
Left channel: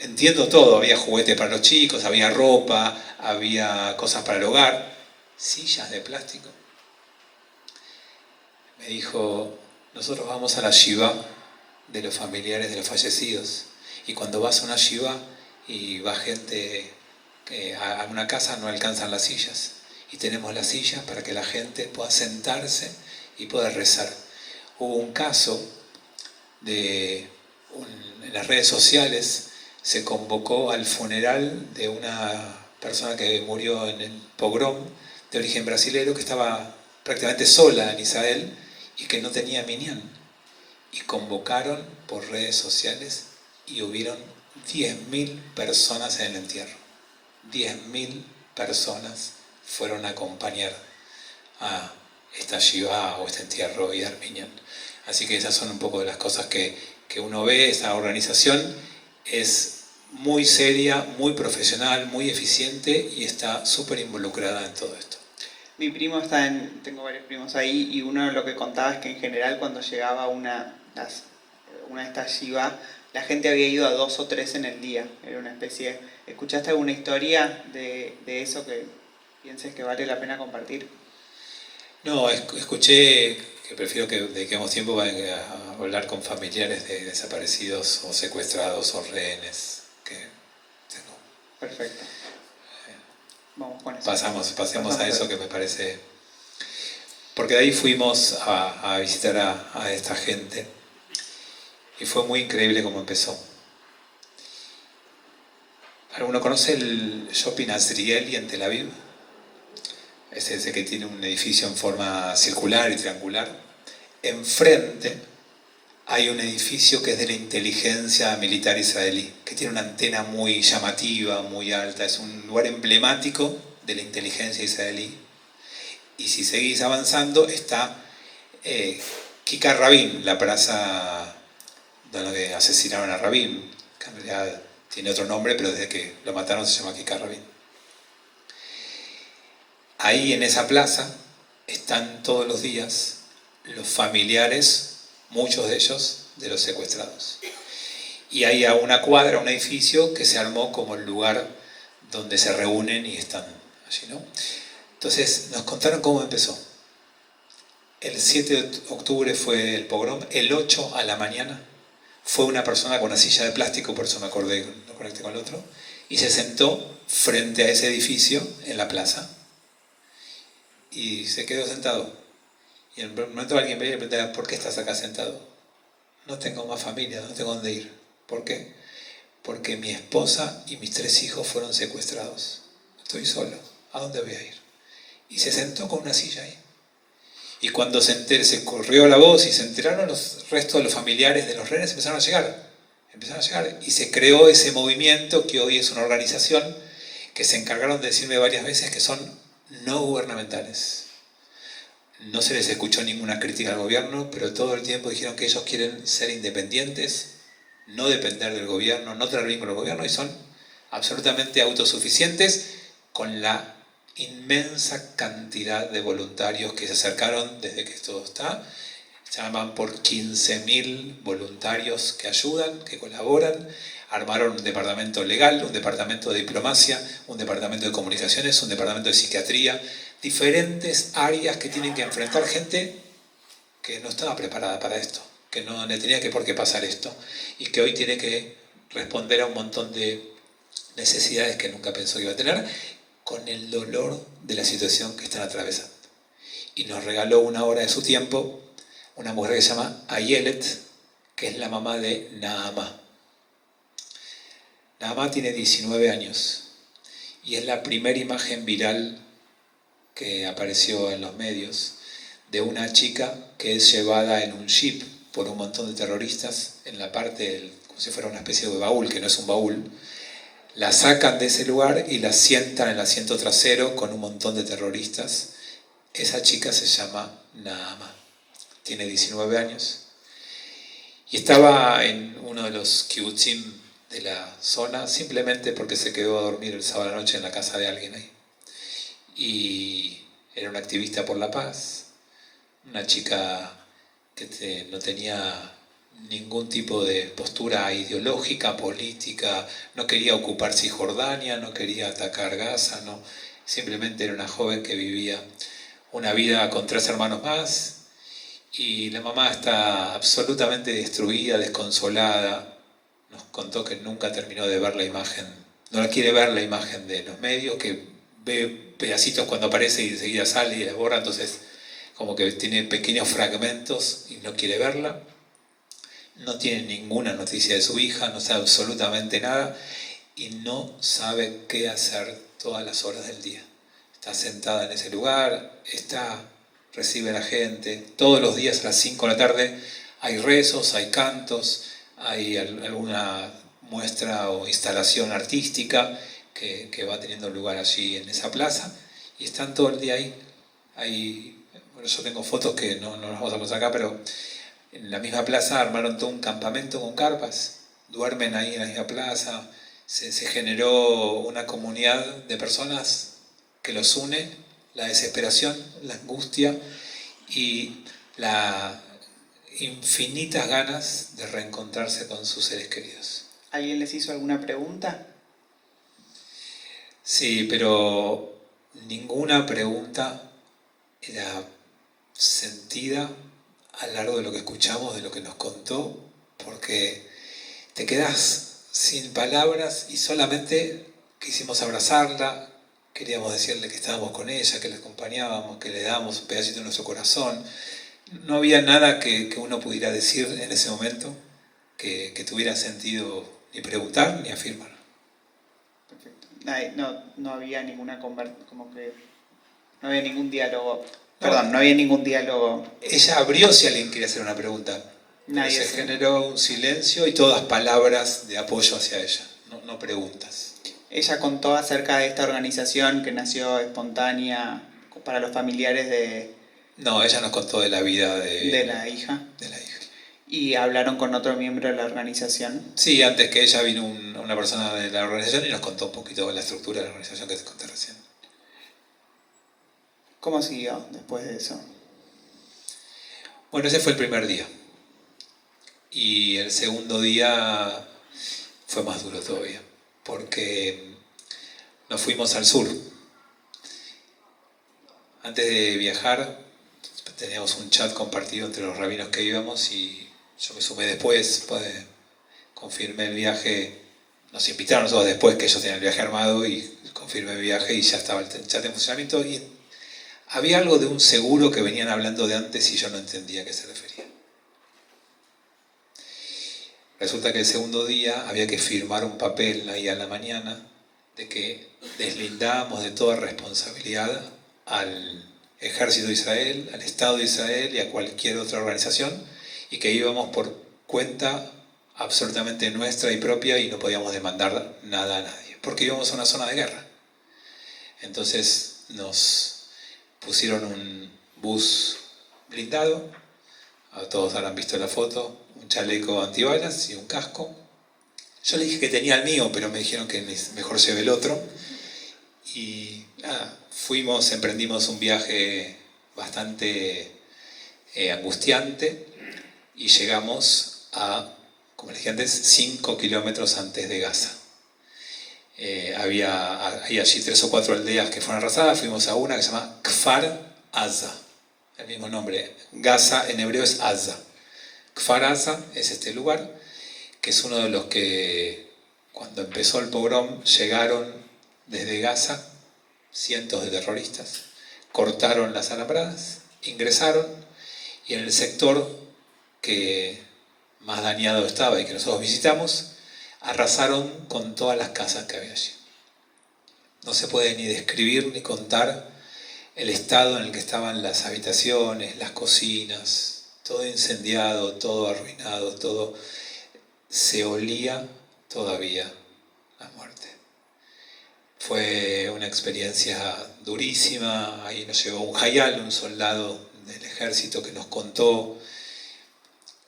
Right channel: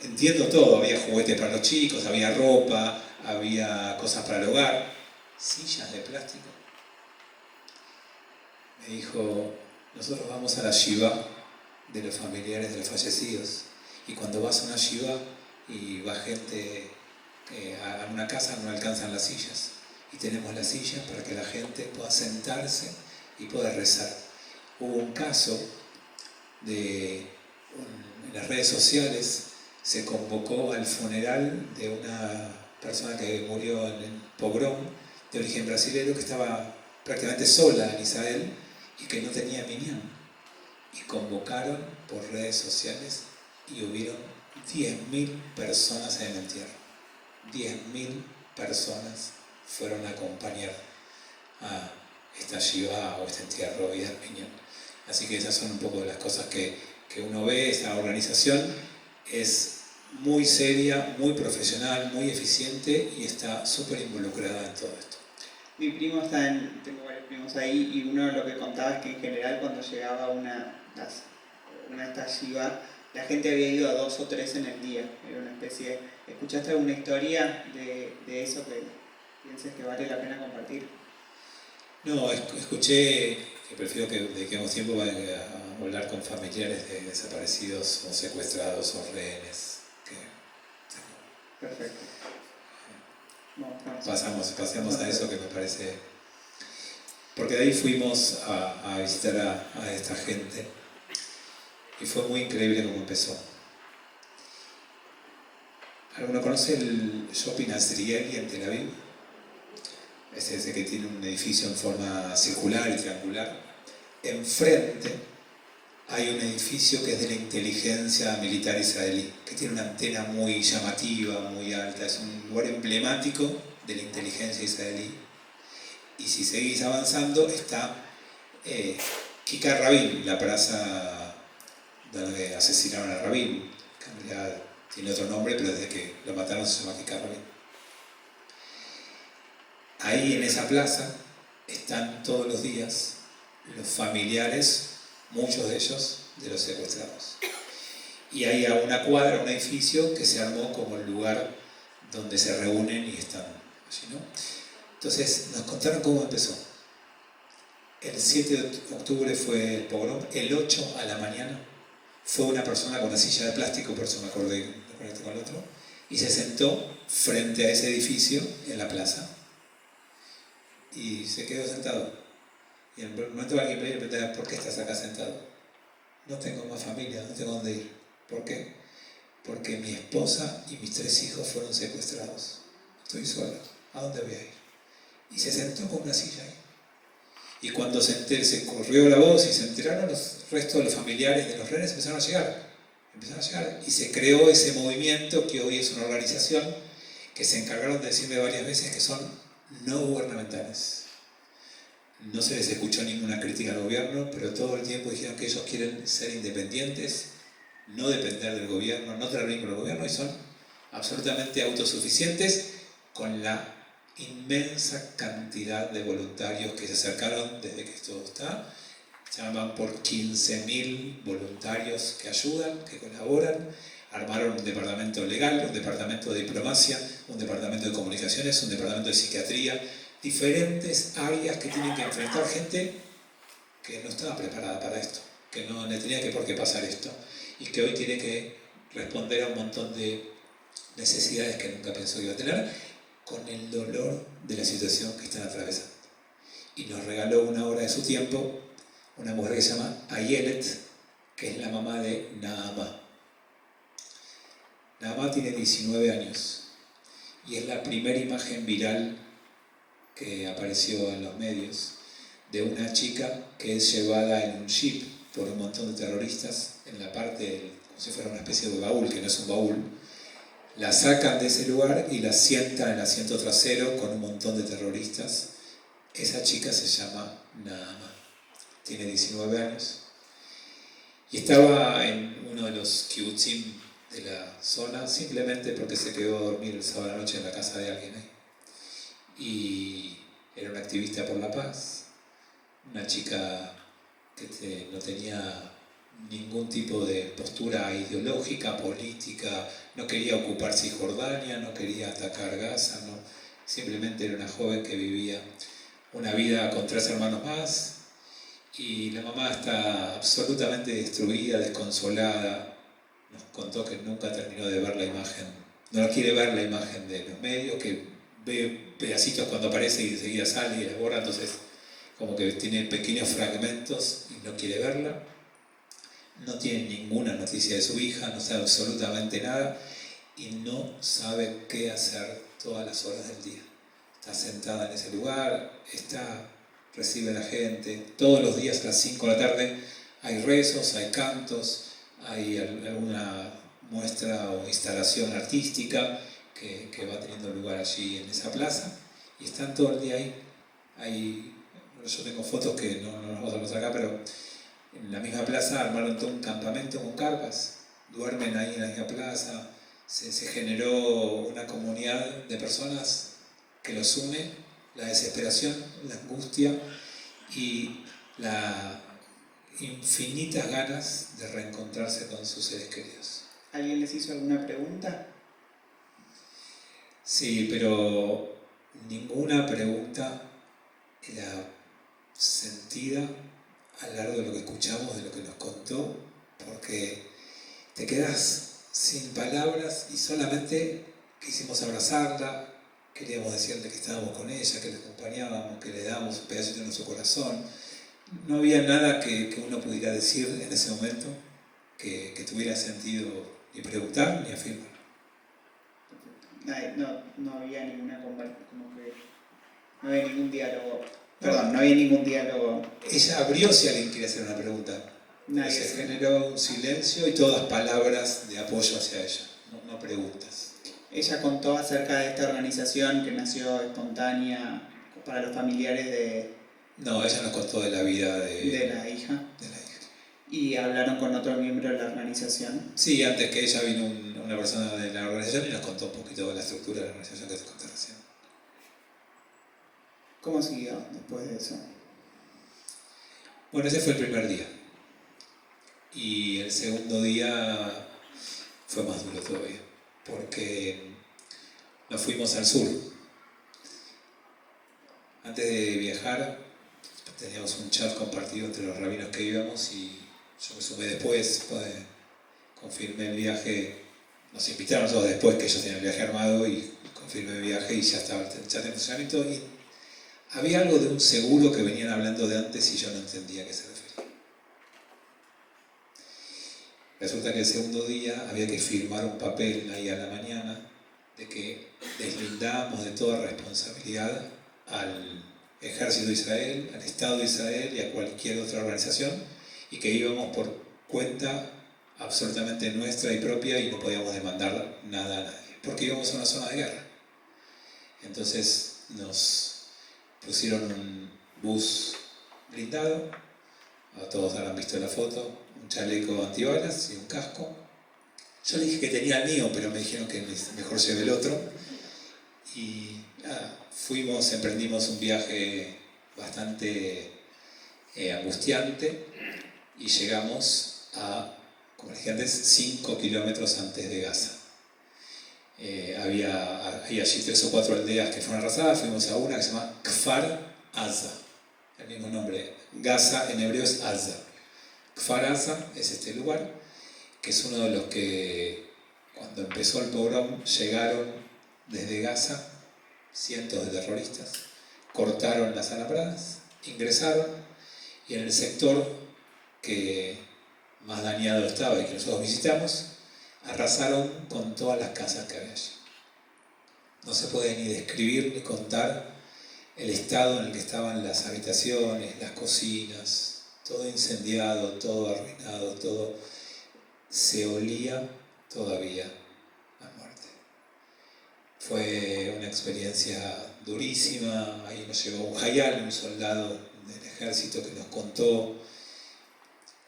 entiendo todo, había juguetes para los chicos, había ropa, había cosas para el hogar. Sillas de plástico. Me dijo, nosotros vamos a la Shiva de los familiares de los fallecidos, y cuando vas a una Shiva y va gente a una casa, no alcanzan las sillas, y tenemos las sillas para que la gente pueda sentarse y pueda rezar. Hubo un caso en las redes sociales, se convocó al funeral de una persona que murió en el pogrom de origen brasilero, que estaba prácticamente sola en Israel y que no tenía minyan. Y convocaron por redes sociales y hubieron 10.000 personas en el entierro. 10.000 personas fueron a acompañar a esta shiva o este entierro y dar minyan. Así que esas son un poco de las cosas que uno ve. Esta organización es muy seria, muy profesional, muy eficiente y está súper involucrada en todo esto. Mi primo tengo varios primos ahí, y uno de lo que contaba es que en general cuando llegaba una de estas Shiva, la gente había ido a 2 o 3 en el día. Era una especie... ¿Escuchaste alguna historia de eso que pienses que vale la pena compartir? No, escuché que prefiero que dediquemos tiempo a hablar con familiares de desaparecidos o secuestrados o rehenes. Perfecto. Vamos con eso. Pasemos a eso, que me parece... Porque de ahí fuimos a visitar a esta gente y fue muy increíble cómo empezó. ¿Alguno conoce el Shopping Azrieli en Tel Aviv? Es ese que tiene un edificio en forma circular y triangular. Enfrente hay un edificio que es de la inteligencia militar israelí, que tiene una antena muy llamativa, muy alta. Es un lugar emblemático de la inteligencia israelí. Y si seguís avanzando está Kikar Rabin, la plaza donde asesinaron a Rabin, que en realidad tiene otro nombre, pero desde que lo mataron se llama Kikar Rabin. Ahí en esa plaza están todos los días los familiares, muchos de ellos, de los secuestrados. Y hay a una cuadra, un edificio que se armó como el lugar donde se reúnen y están allí, ¿no? Entonces nos contaron cómo empezó. El 7 de octubre fue el pogrom, el 8 a la mañana fue una persona con una silla de plástico, por eso me acordé, lo conecté con el otro, y se sentó frente a ese edificio en la plaza y se quedó sentado. Y en un momento alguien me preguntaba: ¿por qué estás acá sentado? No tengo más familia, no tengo dónde ir. ¿Por qué? Porque mi esposa y mis 3 hijos fueron secuestrados. Estoy solo, ¿a dónde voy a ir? Y se sentó con una silla ahí. Y cuando se corrió la voz y se enteraron, los restos de los familiares de los rehenes empezaron a llegar. Y se creó ese movimiento que hoy es una organización que se encargaron de decirme varias veces que son no gubernamentales. No se les escuchó ninguna crítica al gobierno, pero todo el tiempo dijeron que ellos quieren ser independientes, no depender del gobierno, no tener vínculo con el gobierno, y son absolutamente autosuficientes, con la inmensa cantidad de voluntarios que se acercaron desde que esto está. Se llaman por 15.000 voluntarios que ayudan, que colaboran. Armaron un departamento legal, un departamento de diplomacia, un departamento de comunicaciones, un departamento de psiquiatría, diferentes áreas que tienen que enfrentar gente que no estaba preparada para esto, que no le tenía que por qué pasar esto, y que hoy tiene que responder a un montón de necesidades que nunca pensó que iba a tener, con el dolor de la situación que están atravesando. Y nos regaló una hora de su tiempo una mujer que se llama Ayelet, que es la mamá de Nahama. Nahama tiene 19 años y es la primera imagen viral que apareció en los medios de una chica que es llevada en un jeep por un montón de terroristas en la parte como si fuera una especie de baúl, que no es un baúl. La sacan de ese lugar y la sientan en el asiento trasero con un montón de terroristas. Esa chica se llama Nahama, tiene 19 años y estaba en uno de los kibutzim de la zona simplemente porque se quedó a dormir el sábado a la noche en la casa de alguien ahí. Y era una activista por la paz, una chica que no tenía ningún tipo de postura ideológica, política, no quería ocupar Cisjordania, no quería atacar Gaza, no. Simplemente era una joven que vivía una vida con 3 hermanos más, y la mamá está absolutamente destruida, desconsolada. Nos contó que nunca terminó de ver la imagen, no la quiere ver la imagen de los medios, que ve pedacitos cuando aparece y enseguida sale y la borra, entonces como que tiene pequeños fragmentos y no quiere verla. No tiene ninguna noticia de su hija, no sabe absolutamente nada y no sabe qué hacer todas las horas del día. Está sentada en ese lugar, recibe a la gente, todos los días a las 5 de la tarde hay rezos, hay cantos, hay alguna muestra o instalación artística que va teniendo lugar allí en esa plaza, y están todo el día ahí. Bueno, yo tengo fotos que no las vamos a mostrar acá, pero en la misma plaza armaron todo un campamento con carpas, duermen ahí en la misma plaza, se generó una comunidad de personas que los une, la desesperación, la angustia y las infinitas ganas de reencontrarse con sus seres queridos. ¿Alguien les hizo alguna pregunta? Sí, pero ninguna pregunta era sentida a lo largo de lo que escuchamos, de lo que nos contó, porque te quedás sin palabras y solamente quisimos abrazarla, queríamos decirle que estábamos con ella, que la acompañábamos, que le dábamos un pedacito de nuestro corazón. No había nada que uno pudiera decir en ese momento que tuviera sentido ni preguntar ni afirmar. No había ninguna conversación, como que no había ningún diálogo. Perdón, no había ningún diálogo. Ella abrió si alguien quería hacer una pregunta. Se generó un silencio y todas palabras de apoyo hacia ella, no preguntas. Ella contó acerca de esta organización que nació espontánea para los familiares de... No, ella nos contó de la vida de la hija. De la hija. ¿Y hablaron con otro miembro de la organización? Sí, antes que ella vino una persona de la organización y nos contó un poquito de la estructura de la organización que te conté recién. ¿Cómo siguió después de eso? Bueno, ese fue el primer día. Y el segundo día fue más duro todavía, porque nos fuimos al sur. Antes de viajar, teníamos un chat compartido entre los rabinos que íbamos y yo me sumé después, confirmé el viaje. Nos invitaron nosotros después que ellos tenían el viaje armado y confirmé el viaje y ya estaba el chat en funcionamiento. Y había algo de un seguro que venían hablando de antes y yo no entendía a qué se refería. Resulta que el segundo día había que firmar un papel ahí a la mañana de que deslindábamos de toda responsabilidad al Ejército de Israel, al Estado de Israel y a cualquier otra organización y que íbamos por cuenta absolutamente nuestra y propia y no podíamos demandar nada a nadie, porque íbamos a una zona de guerra. Entonces nos pusieron un bus blindado, todos habrán visto la foto, un chaleco antibalas y un casco. Yo le dije que tenía el mío, pero me dijeron que mejor lleve el otro. Y emprendimos un viaje bastante angustiante y llegamos a, como les dije antes, 5 kilómetros antes de Gaza. Había allí 3 o 4 aldeas que fueron arrasadas, fuimos a una que se llama Kfar Aza, el mismo nombre. Gaza en hebreo es Aza. Kfar Aza es este lugar, que es uno de los que cuando empezó el pogrom llegaron desde Gaza cientos de terroristas, cortaron las alambradas, ingresaron y en el sector que más dañado estaba y que nosotros visitamos, arrasaron con todas las casas que había allí. No se puede ni describir ni contar el estado en el que estaban las habitaciones, las cocinas, todo incendiado, todo arruinado, todo se olía todavía la muerte. Fue una experiencia durísima. Ahí nos llegó un hayal, un soldado del ejército que nos contó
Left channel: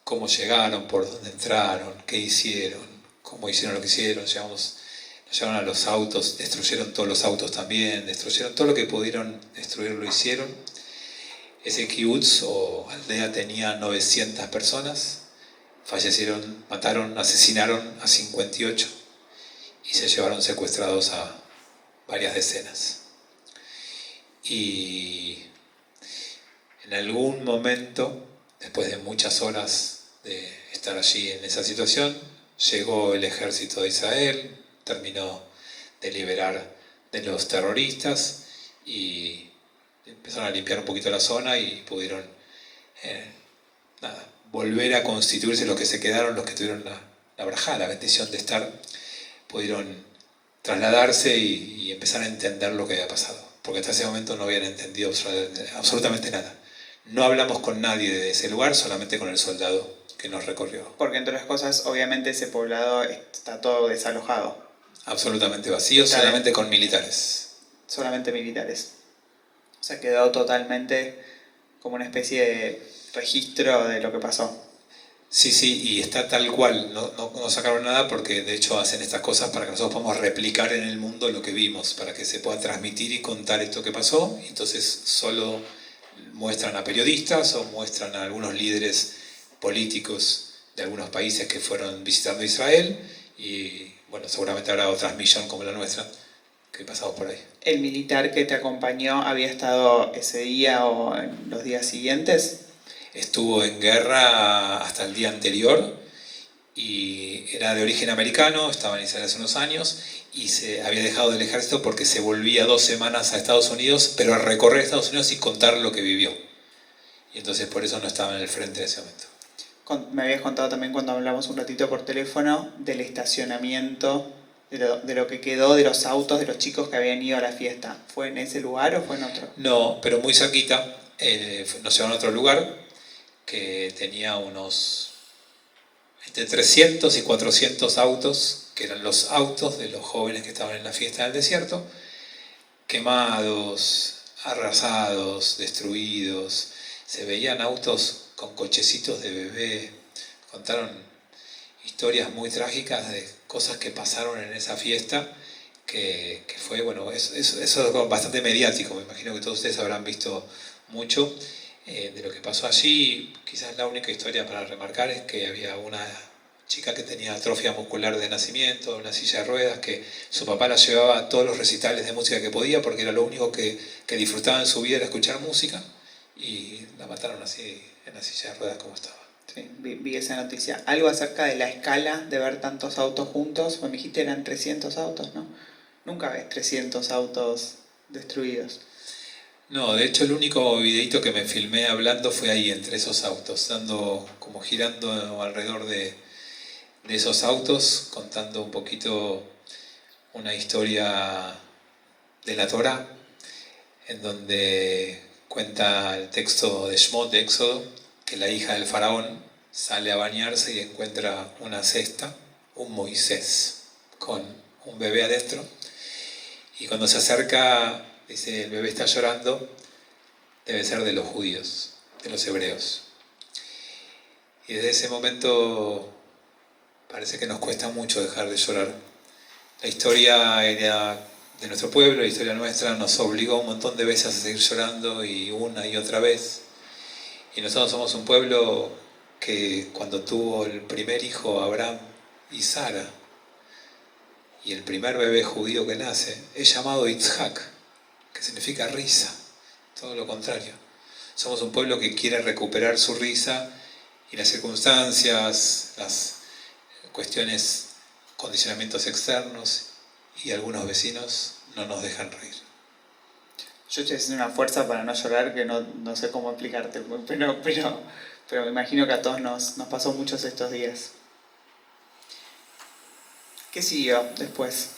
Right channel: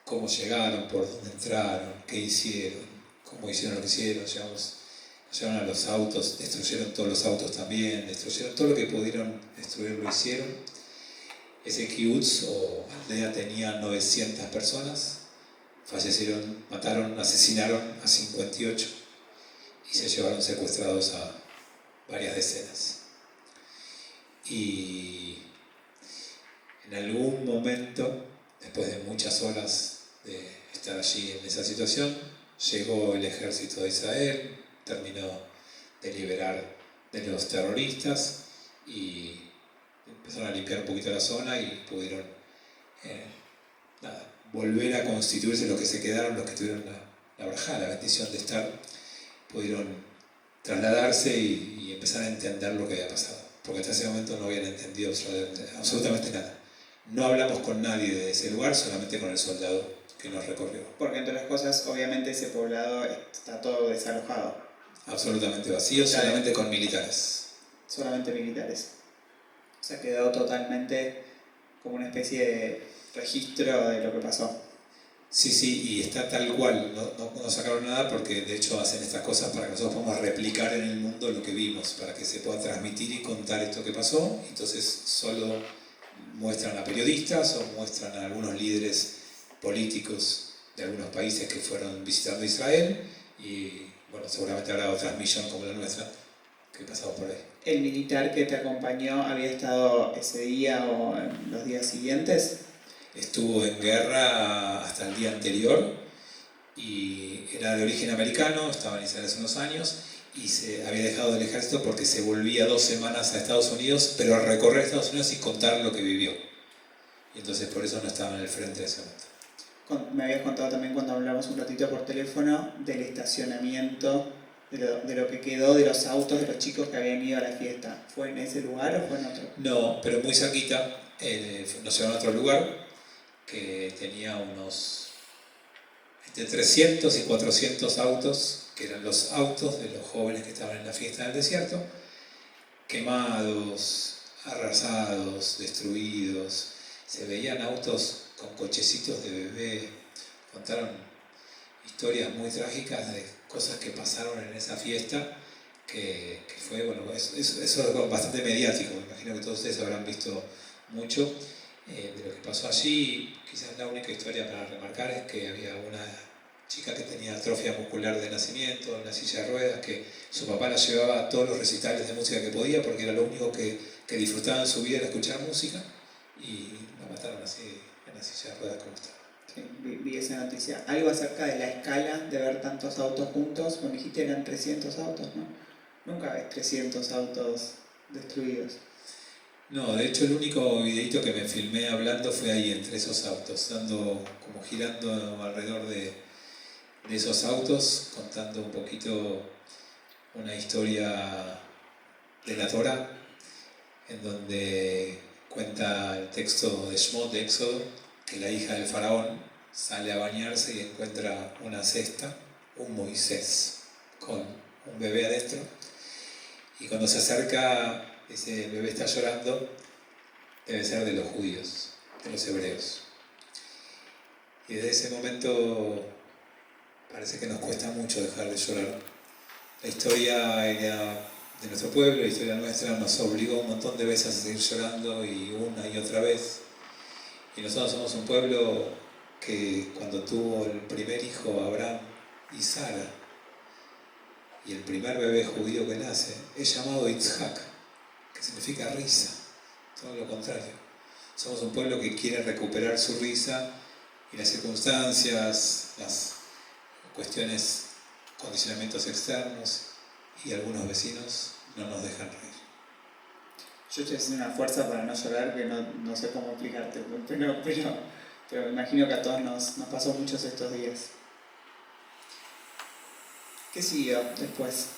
cómo llegaron, por dónde entraron, qué hicieron, cómo hicieron lo que hicieron. Nos llevaron a los autos, destruyeron todos los autos también, destruyeron todo lo que pudieron destruir, lo hicieron. Ese kibutz o aldea tenía 900 personas, fallecieron, mataron, asesinaron a 58 y se llevaron secuestrados a varias decenas. Y en algún momento, después de muchas horas de estar allí en esa situación, llegó el ejército de Israel, terminó de liberar de los terroristas y empezaron a limpiar un poquito la zona y pudieron volver a constituirse los que se quedaron, los que tuvieron la brajá, la bendición de estar, pudieron trasladarse y empezar a entender lo que había pasado, porque hasta ese momento no habían entendido absolutamente nada. No hablamos con nadie de ese lugar, solamente con el soldado que nos recorrió. Porque entre las cosas, obviamente ese poblado está todo desalojado. Absolutamente vacío, solamente con militares. Solamente militares. O sea, quedó totalmente como una especie de registro de lo que pasó. Sí, sí, y está tal cual, no sacaron nada porque de hecho hacen estas cosas para que nosotros podamos replicar en el mundo lo que vimos, para que se pueda transmitir y contar esto que pasó. Entonces solo muestran a periodistas o muestran a algunos líderes políticos de algunos países que fueron visitando Israel y bueno, seguramente habrá otra transmisión como la nuestra que pasamos por ahí. ¿El militar que te acompañó había estado ese día o en los días siguientes? Estuvo en guerra hasta el día anterior y era de origen americano, estaba en Israel hace unos años y se había dejado del ejército porque se volvía 2 semanas a Estados Unidos, pero a recorrer Estados Unidos y contar lo que vivió. Y entonces por eso no estaba en el frente en ese momento. Me habías contado también cuando hablamos un ratito por teléfono del estacionamiento, de lo que quedó de los autos de los chicos que habían ido a la fiesta. ¿Fue en ese lugar o fue en otro? No, pero muy cerquita, nos llevaron a otro lugar que tenía unos entre 300 y 400 autos, que eran los autos de los jóvenes que estaban en la fiesta del desierto, quemados, arrasados, destruidos. Se veían autos con cochecitos de bebé. Contaron historias muy trágicas de cosas que pasaron en esa fiesta, que fue, bueno, eso es bastante mediático. Me imagino que todos ustedes habrán visto mucho de lo que pasó allí. Quizás la única historia para remarcar es que había una chica que tenía atrofia muscular de nacimiento, una silla de ruedas, que su papá la llevaba a todos los recitales de música que podía porque era lo único que disfrutaba en su vida, era escuchar música, y la mataron así en la silla de ruedas como estaba. Sí, vi esa noticia. Algo acerca de la escala de ver tantos autos juntos. Me dijiste eran 300 autos, ¿no? Nunca ves 300 autos destruidos. No, de hecho el único videito que me filmé hablando fue ahí entre esos autos, dando como girando alrededor de esos autos, contando un poquito una historia de la Torá, en donde cuenta el texto de Shmot, de Éxodo, que la hija del faraón sale a bañarse y encuentra una cesta, un Moisés, con un bebé adentro, y cuando se acerca, dice, el bebé está llorando, debe ser de los judíos, de los hebreos. Y desde ese momento parece que nos cuesta mucho dejar de llorar. La historia de nuestro pueblo, la historia nuestra, nos obligó un montón de veces a seguir llorando y una y otra vez. Y nosotros somos un pueblo que cuando tuvo el primer hijo, Abraham y Sara, y el primer bebé judío que nace, es llamado Yitzhak, que significa risa, todo lo contrario. Somos un pueblo que quiere recuperar su risa y las circunstancias, las cuestiones, condicionamientos externos y algunos vecinos no nos dejan reír. Yo estoy haciendo una fuerza para no llorar que no sé cómo explicarte, pero me imagino que a todos nos pasó muchos estos días. ¿Qué siguió después?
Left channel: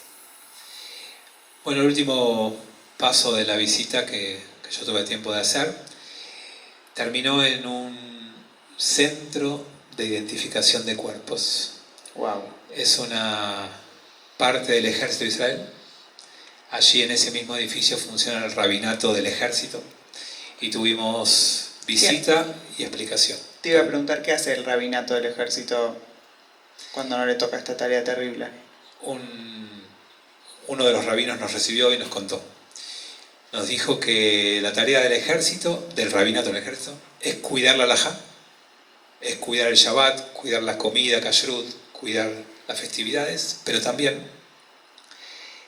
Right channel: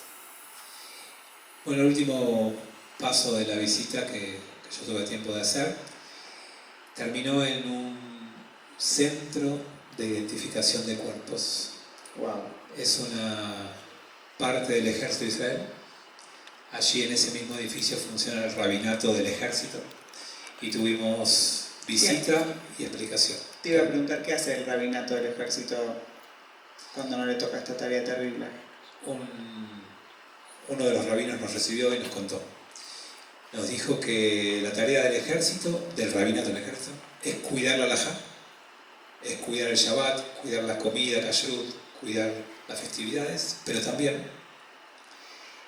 Bueno, el último paso de la visita que yo tuve tiempo de hacer terminó en un centro de identificación de cuerpos. Wow. Es una parte del ejército de Israel. Allí en ese mismo edificio funciona el rabinato del ejército y tuvimos visita y explicación. Te iba a preguntar qué hace el rabinato del ejército cuando no le toca esta tarea terrible. Uno de los rabinos nos recibió y nos contó. Nos dijo que la tarea del ejército, del rabinato del ejército, es cuidar la halajá, es cuidar el Shabbat, cuidar la comida, kashrut, cuidar las festividades, pero también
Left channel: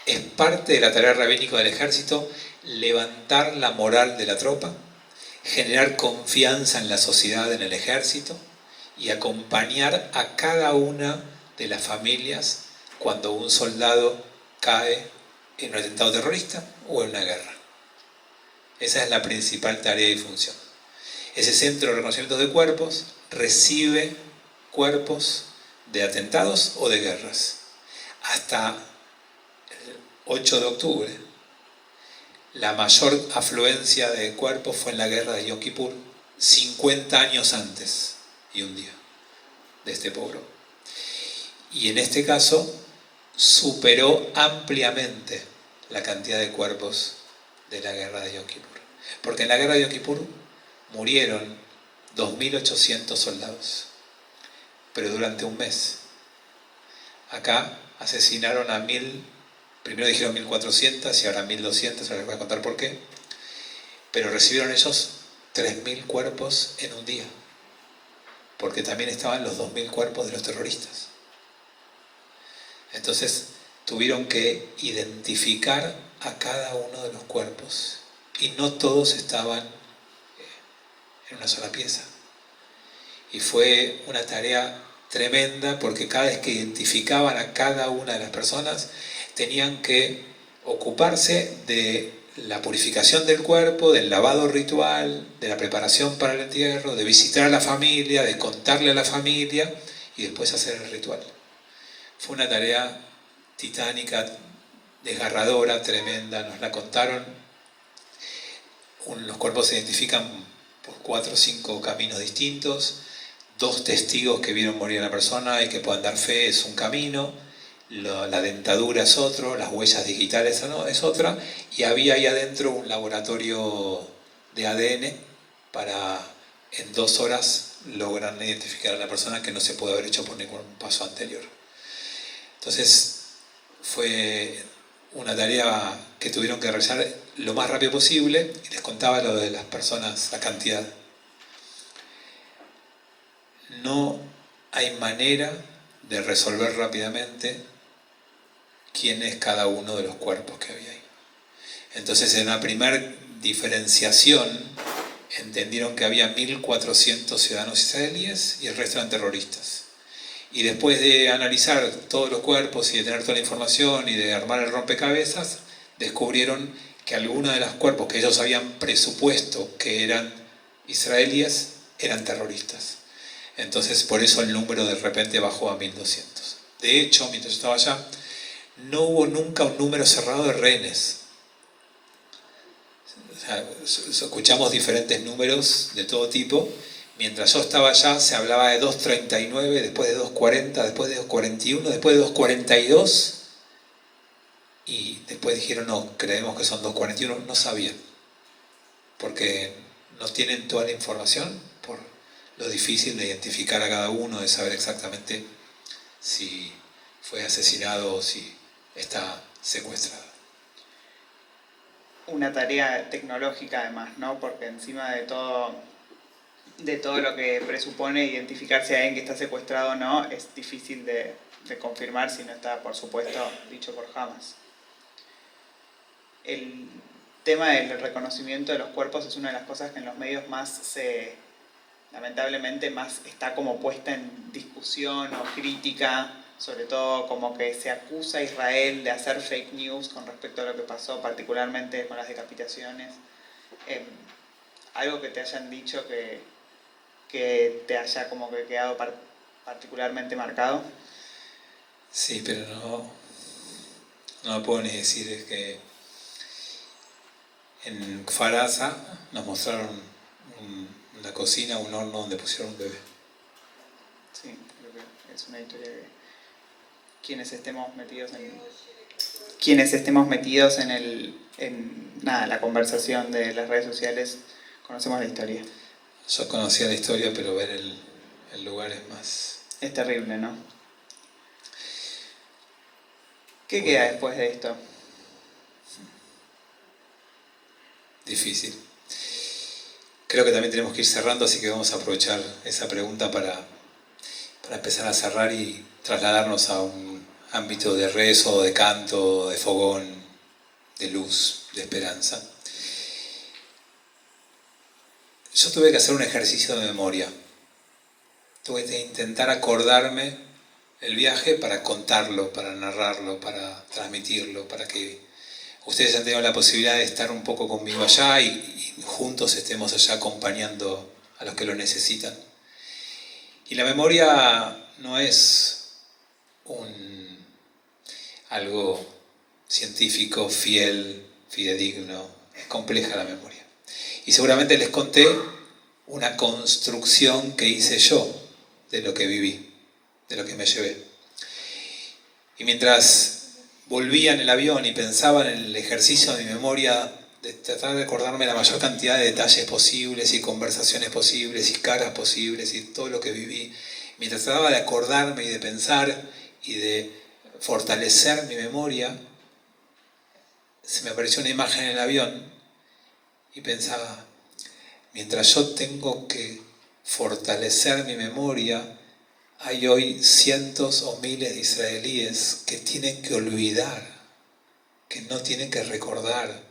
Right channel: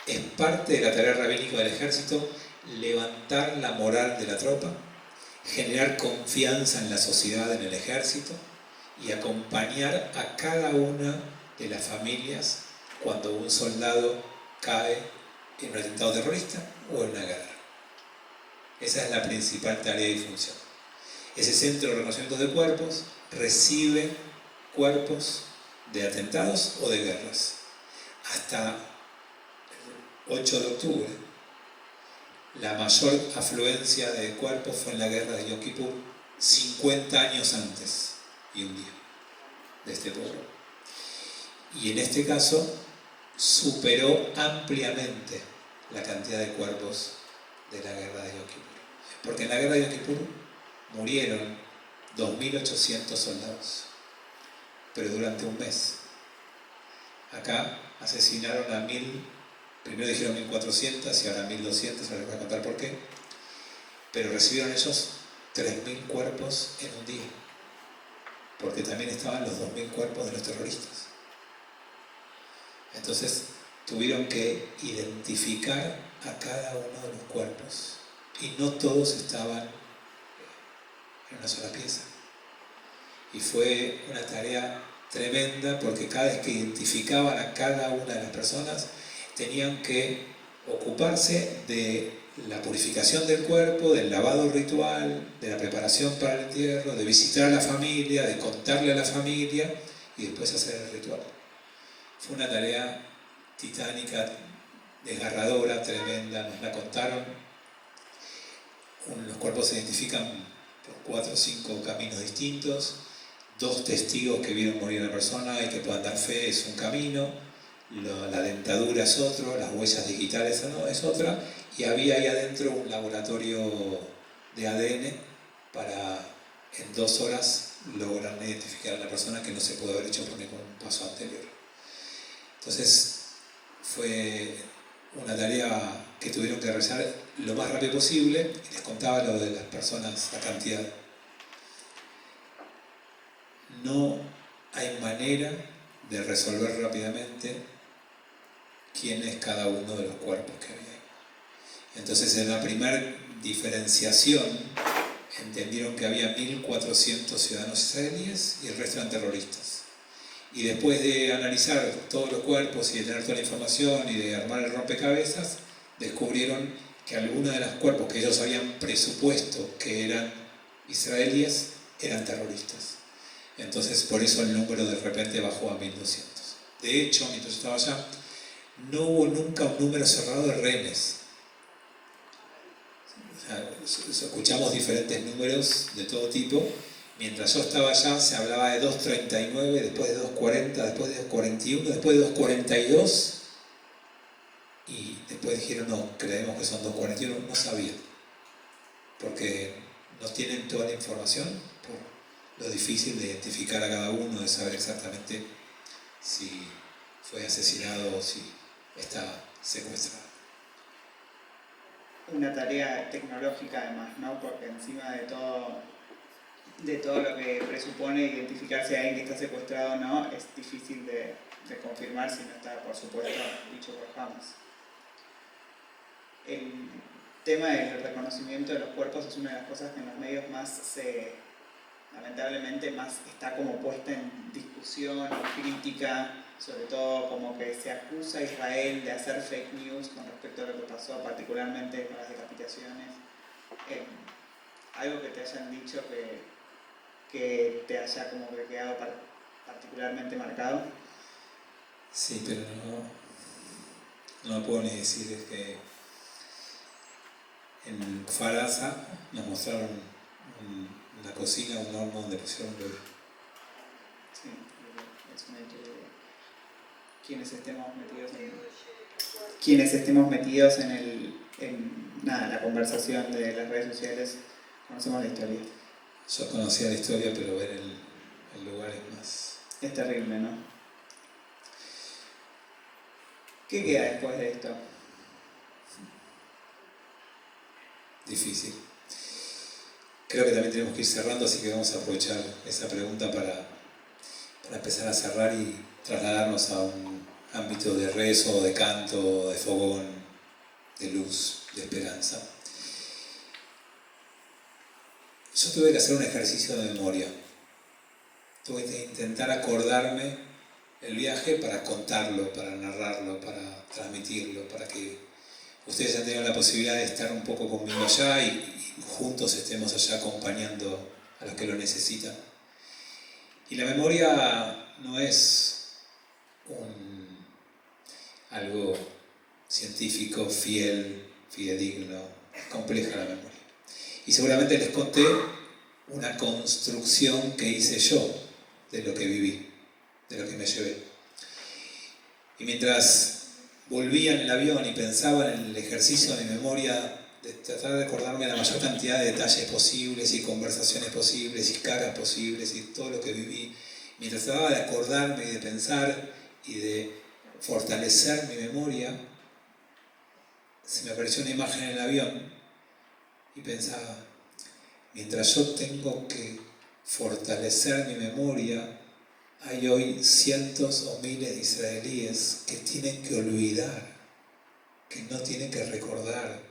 es parte de la tarea rabínica del ejército levantar la moral de la tropa, generar confianza en la sociedad, en el ejército, y acompañar a cada una de las familias cuando un soldado cae en un atentado terrorista o en una guerra. Esa es la principal tarea y función. Ese centro de reconocimiento de cuerpos recibe cuerpos de atentados o de guerras. Hasta el 8 de octubre, la mayor afluencia de cuerpos fue en la guerra de Yom Kippur, 50 años antes y un día de este pueblo. Y en este caso superó ampliamente la cantidad de cuerpos de la guerra de Yom Kippur. Porque en la guerra de Yom Kippur murieron 2.800 soldados. pero durante un mes. Acá asesinaron a 1000, primero dijeron 1400 y ahora 1200, ahora les voy a contar por qué, pero recibieron ellos 3000 cuerpos en un día, porque también estaban los 2000 cuerpos de los terroristas. Entonces tuvieron que identificar a cada uno de los cuerpos y no todos estaban en una sola pieza. Y fue una tarea tremenda porque cada vez que identificaban a cada una de las personas tenían que ocuparse de la purificación del cuerpo, del lavado ritual, de la preparación para el entierro, de visitar a la familia, de contarle a la familia y después hacer el ritual. Fue una tarea titánica, desgarradora, tremenda, nos la contaron. Los cuerpos se identifican por 4 o 5 caminos distintos. 2 testigos que vieron morir a la persona y que puedan dar fe es un camino, la dentadura es otro, las huellas digitales es otra, y había ahí adentro un laboratorio de ADN para en 2 horas lograr identificar a la persona, que no se puede haber hecho por ningún paso anterior. Entonces fue una tarea que tuvieron que realizar lo más rápido posible, y les contaba lo de las personas, la cantidad. No hay manera de resolver rápidamente quién es cada uno de los cuerpos que había ahí. Entonces, en la primera diferenciación entendieron que había 1400 ciudadanos israelíes y el resto eran terroristas. Y después de analizar todos los cuerpos y de tener toda la información y de armar el rompecabezas, descubrieron que algunos de los cuerpos que ellos habían presupuesto que eran israelíes eran terroristas. Entonces, por eso el número de repente bajó a 1200. De hecho, mientras yo estaba allá, no hubo nunca un número cerrado de rehenes. O sea, escuchamos diferentes números de todo tipo. Mientras yo estaba allá, se hablaba de 239, después de 240, después de 241, después de 242. Y después dijeron, no, creemos que son 241. No sabían, porque no tienen toda la información por lo difícil de identificar a cada uno, de saber exactamente si fue asesinado o si está secuestrado. Una tarea tecnológica además, ¿no? Porque encima de todo lo que presupone identificar si alguien que está secuestrado o no, es difícil de confirmar si no está, por supuesto, dicho por Hamas. El tema del reconocimiento de los cuerpos es una de las cosas que en los medios lamentablemente más está como puesta en discusión o crítica, sobre todo como que se acusa a Israel de hacer fake news con respecto a lo que pasó, particularmente con las decapitaciones. Algo que te hayan dicho que te haya como que quedado particularmente marcado. Sí, pero no lo puedo ni decir. Es que en Kfar Aza nos mostraron en la cocina un horno donde pusieron un bebé. Sí, es una historia que quienes estemos metidos en la conversación de las redes sociales, conocemos la historia. Yo conocía la historia, pero ver el lugar es más... Es terrible, ¿no? ¿Qué queda después de esto? Difícil. Creo que también tenemos que ir cerrando, así que vamos a aprovechar esa pregunta para empezar a cerrar y trasladarnos a un ámbito de rezo, de canto, de fogón, de luz, de esperanza. Yo tuve que hacer un ejercicio de memoria. Tuve que intentar acordarme el viaje para contarlo, para narrarlo, para transmitirlo, para que ustedes han tenido la posibilidad de estar un poco conmigo allá y juntos estemos allá acompañando a los que lo necesitan. Y la memoria no es algo científico, fidedigno, es compleja la memoria. Y seguramente les conté una construcción que hice yo de lo que viví, de lo que me llevé. Y mientras volvía en el avión y pensaba en el ejercicio de mi memoria, de tratar de acordarme la mayor cantidad de detalles posibles y conversaciones posibles y caras posibles y todo lo que viví, mientras trataba de acordarme y de pensar y de fortalecer mi memoria, se me apareció una imagen en el avión y pensaba, mientras yo tengo que fortalecer mi memoria, hay hoy cientos o miles de israelíes que tienen que olvidar, que no tienen que recordar,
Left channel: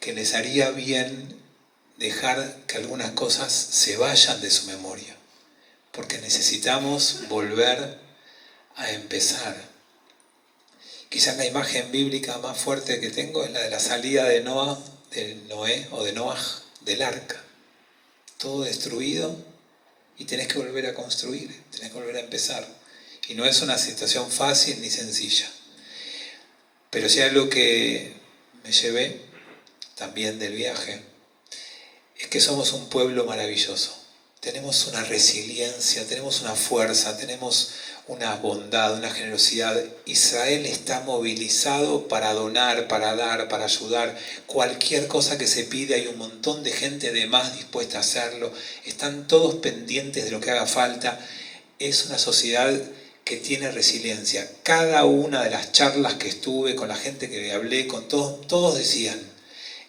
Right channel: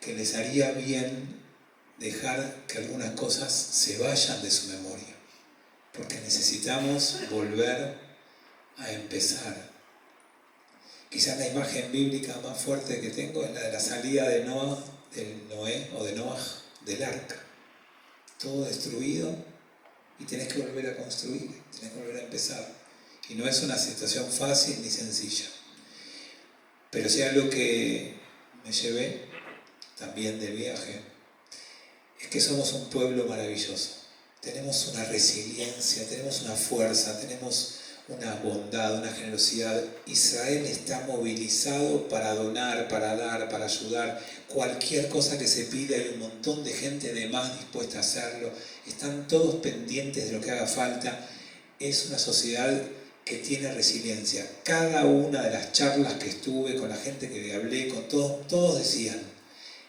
que les haría bien dejar que algunas cosas se vayan de su memoria, porque necesitamos volver a empezar. Quizás la imagen bíblica más fuerte que tengo es la de la salida de Noé o de Noaj del arca. Todo destruido y tenés que volver a construir, tenés que volver a empezar. Y no es una situación fácil ni sencilla. Pero si hay algo que me llevé también del viaje, es que somos un pueblo maravilloso. Tenemos una resiliencia, tenemos una fuerza, tenemos una bondad, una generosidad. Israel está movilizado para donar, para dar, para ayudar. Cualquier cosa que se pide, hay un montón de gente de más dispuesta a hacerlo. Están todos pendientes de lo que haga falta. Es una sociedad que tiene resiliencia. Cada una de las charlas que estuve, con la gente que hablé, con todos decían,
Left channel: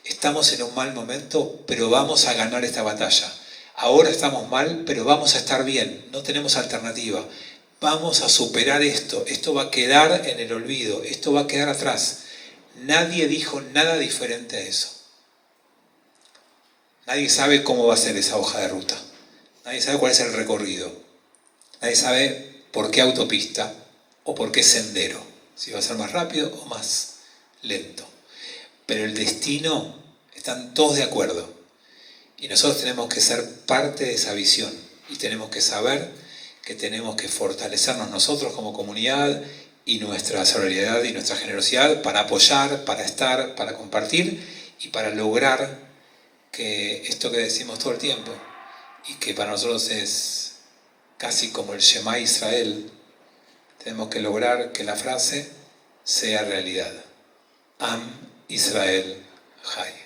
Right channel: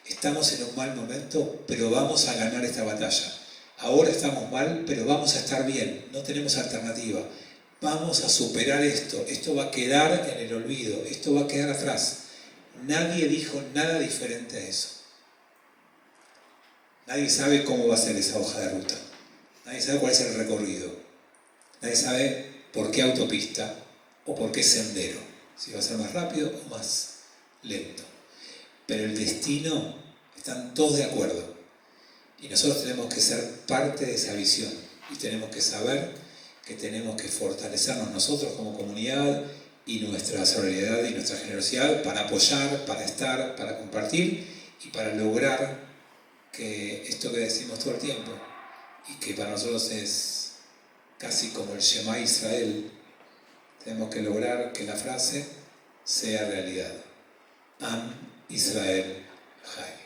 estamos en un mal momento, pero vamos a ganar esta batalla. Ahora estamos mal, pero vamos a estar bien. No tenemos alternativa. Vamos a superar esto. Esto va a quedar en el olvido. Esto va a quedar atrás. Nadie dijo nada diferente a eso. Nadie sabe cómo va a ser esa hoja de ruta. Nadie sabe cuál es el recorrido. Nadie sabe por qué autopista o por qué sendero. Si va a ser más rápido o más lento. Pero el destino, están todos de acuerdo. Y nosotros tenemos que ser parte de esa visión. Y tenemos que saber que tenemos que fortalecernos nosotros como comunidad y nuestra solidaridad y nuestra generosidad para apoyar, para estar, para compartir y para lograr que esto que decimos todo el tiempo y que para nosotros es casi como el Shema Israel, tenemos que lograr que la frase sea realidad. Am Israel Chai.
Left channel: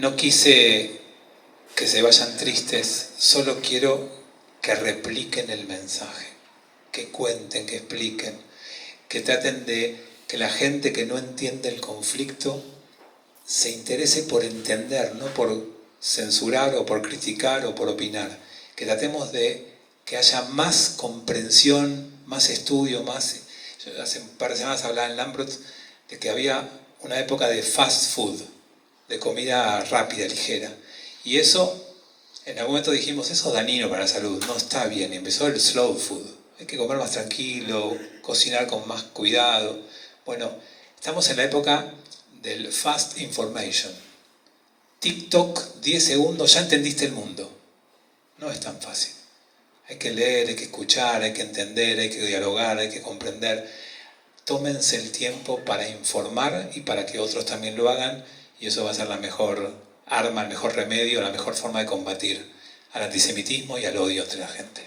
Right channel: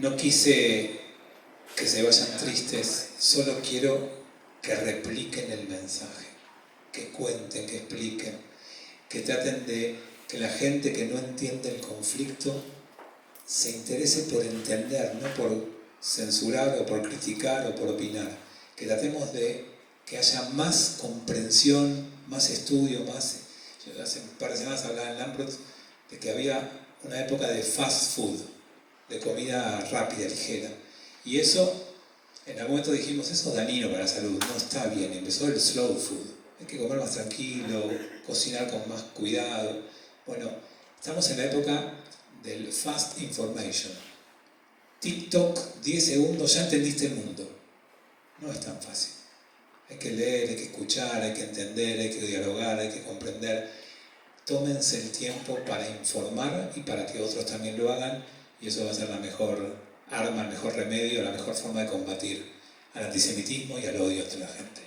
No quise que se vayan tristes, solo quiero que repliquen el mensaje, que cuenten, que expliquen, que traten de que la gente que no entiende el conflicto se interese por entender, no por censurar o por criticar o por opinar. Que tratemos de que haya más comprensión, más estudio, más... Yo hace un par de semanas hablaba en Lambrot de que había una época de fast food, de comida rápida, ligera. Y eso, en algún momento dijimos, eso es dañino para la salud, no está bien. Y empezó el slow food. Hay que comer más tranquilo, cocinar con más cuidado. Bueno, estamos en la época del fast information. TikTok, 10 segundos, ya entendiste el mundo. No es tan fácil. Hay que leer, hay que escuchar, hay que entender, hay que dialogar, hay que comprender. Tómense el tiempo para informar y para que otros también lo hagan. Y eso va a ser la mejor arma, el mejor remedio, la mejor forma de combatir al antisemitismo y al odio entre la gente.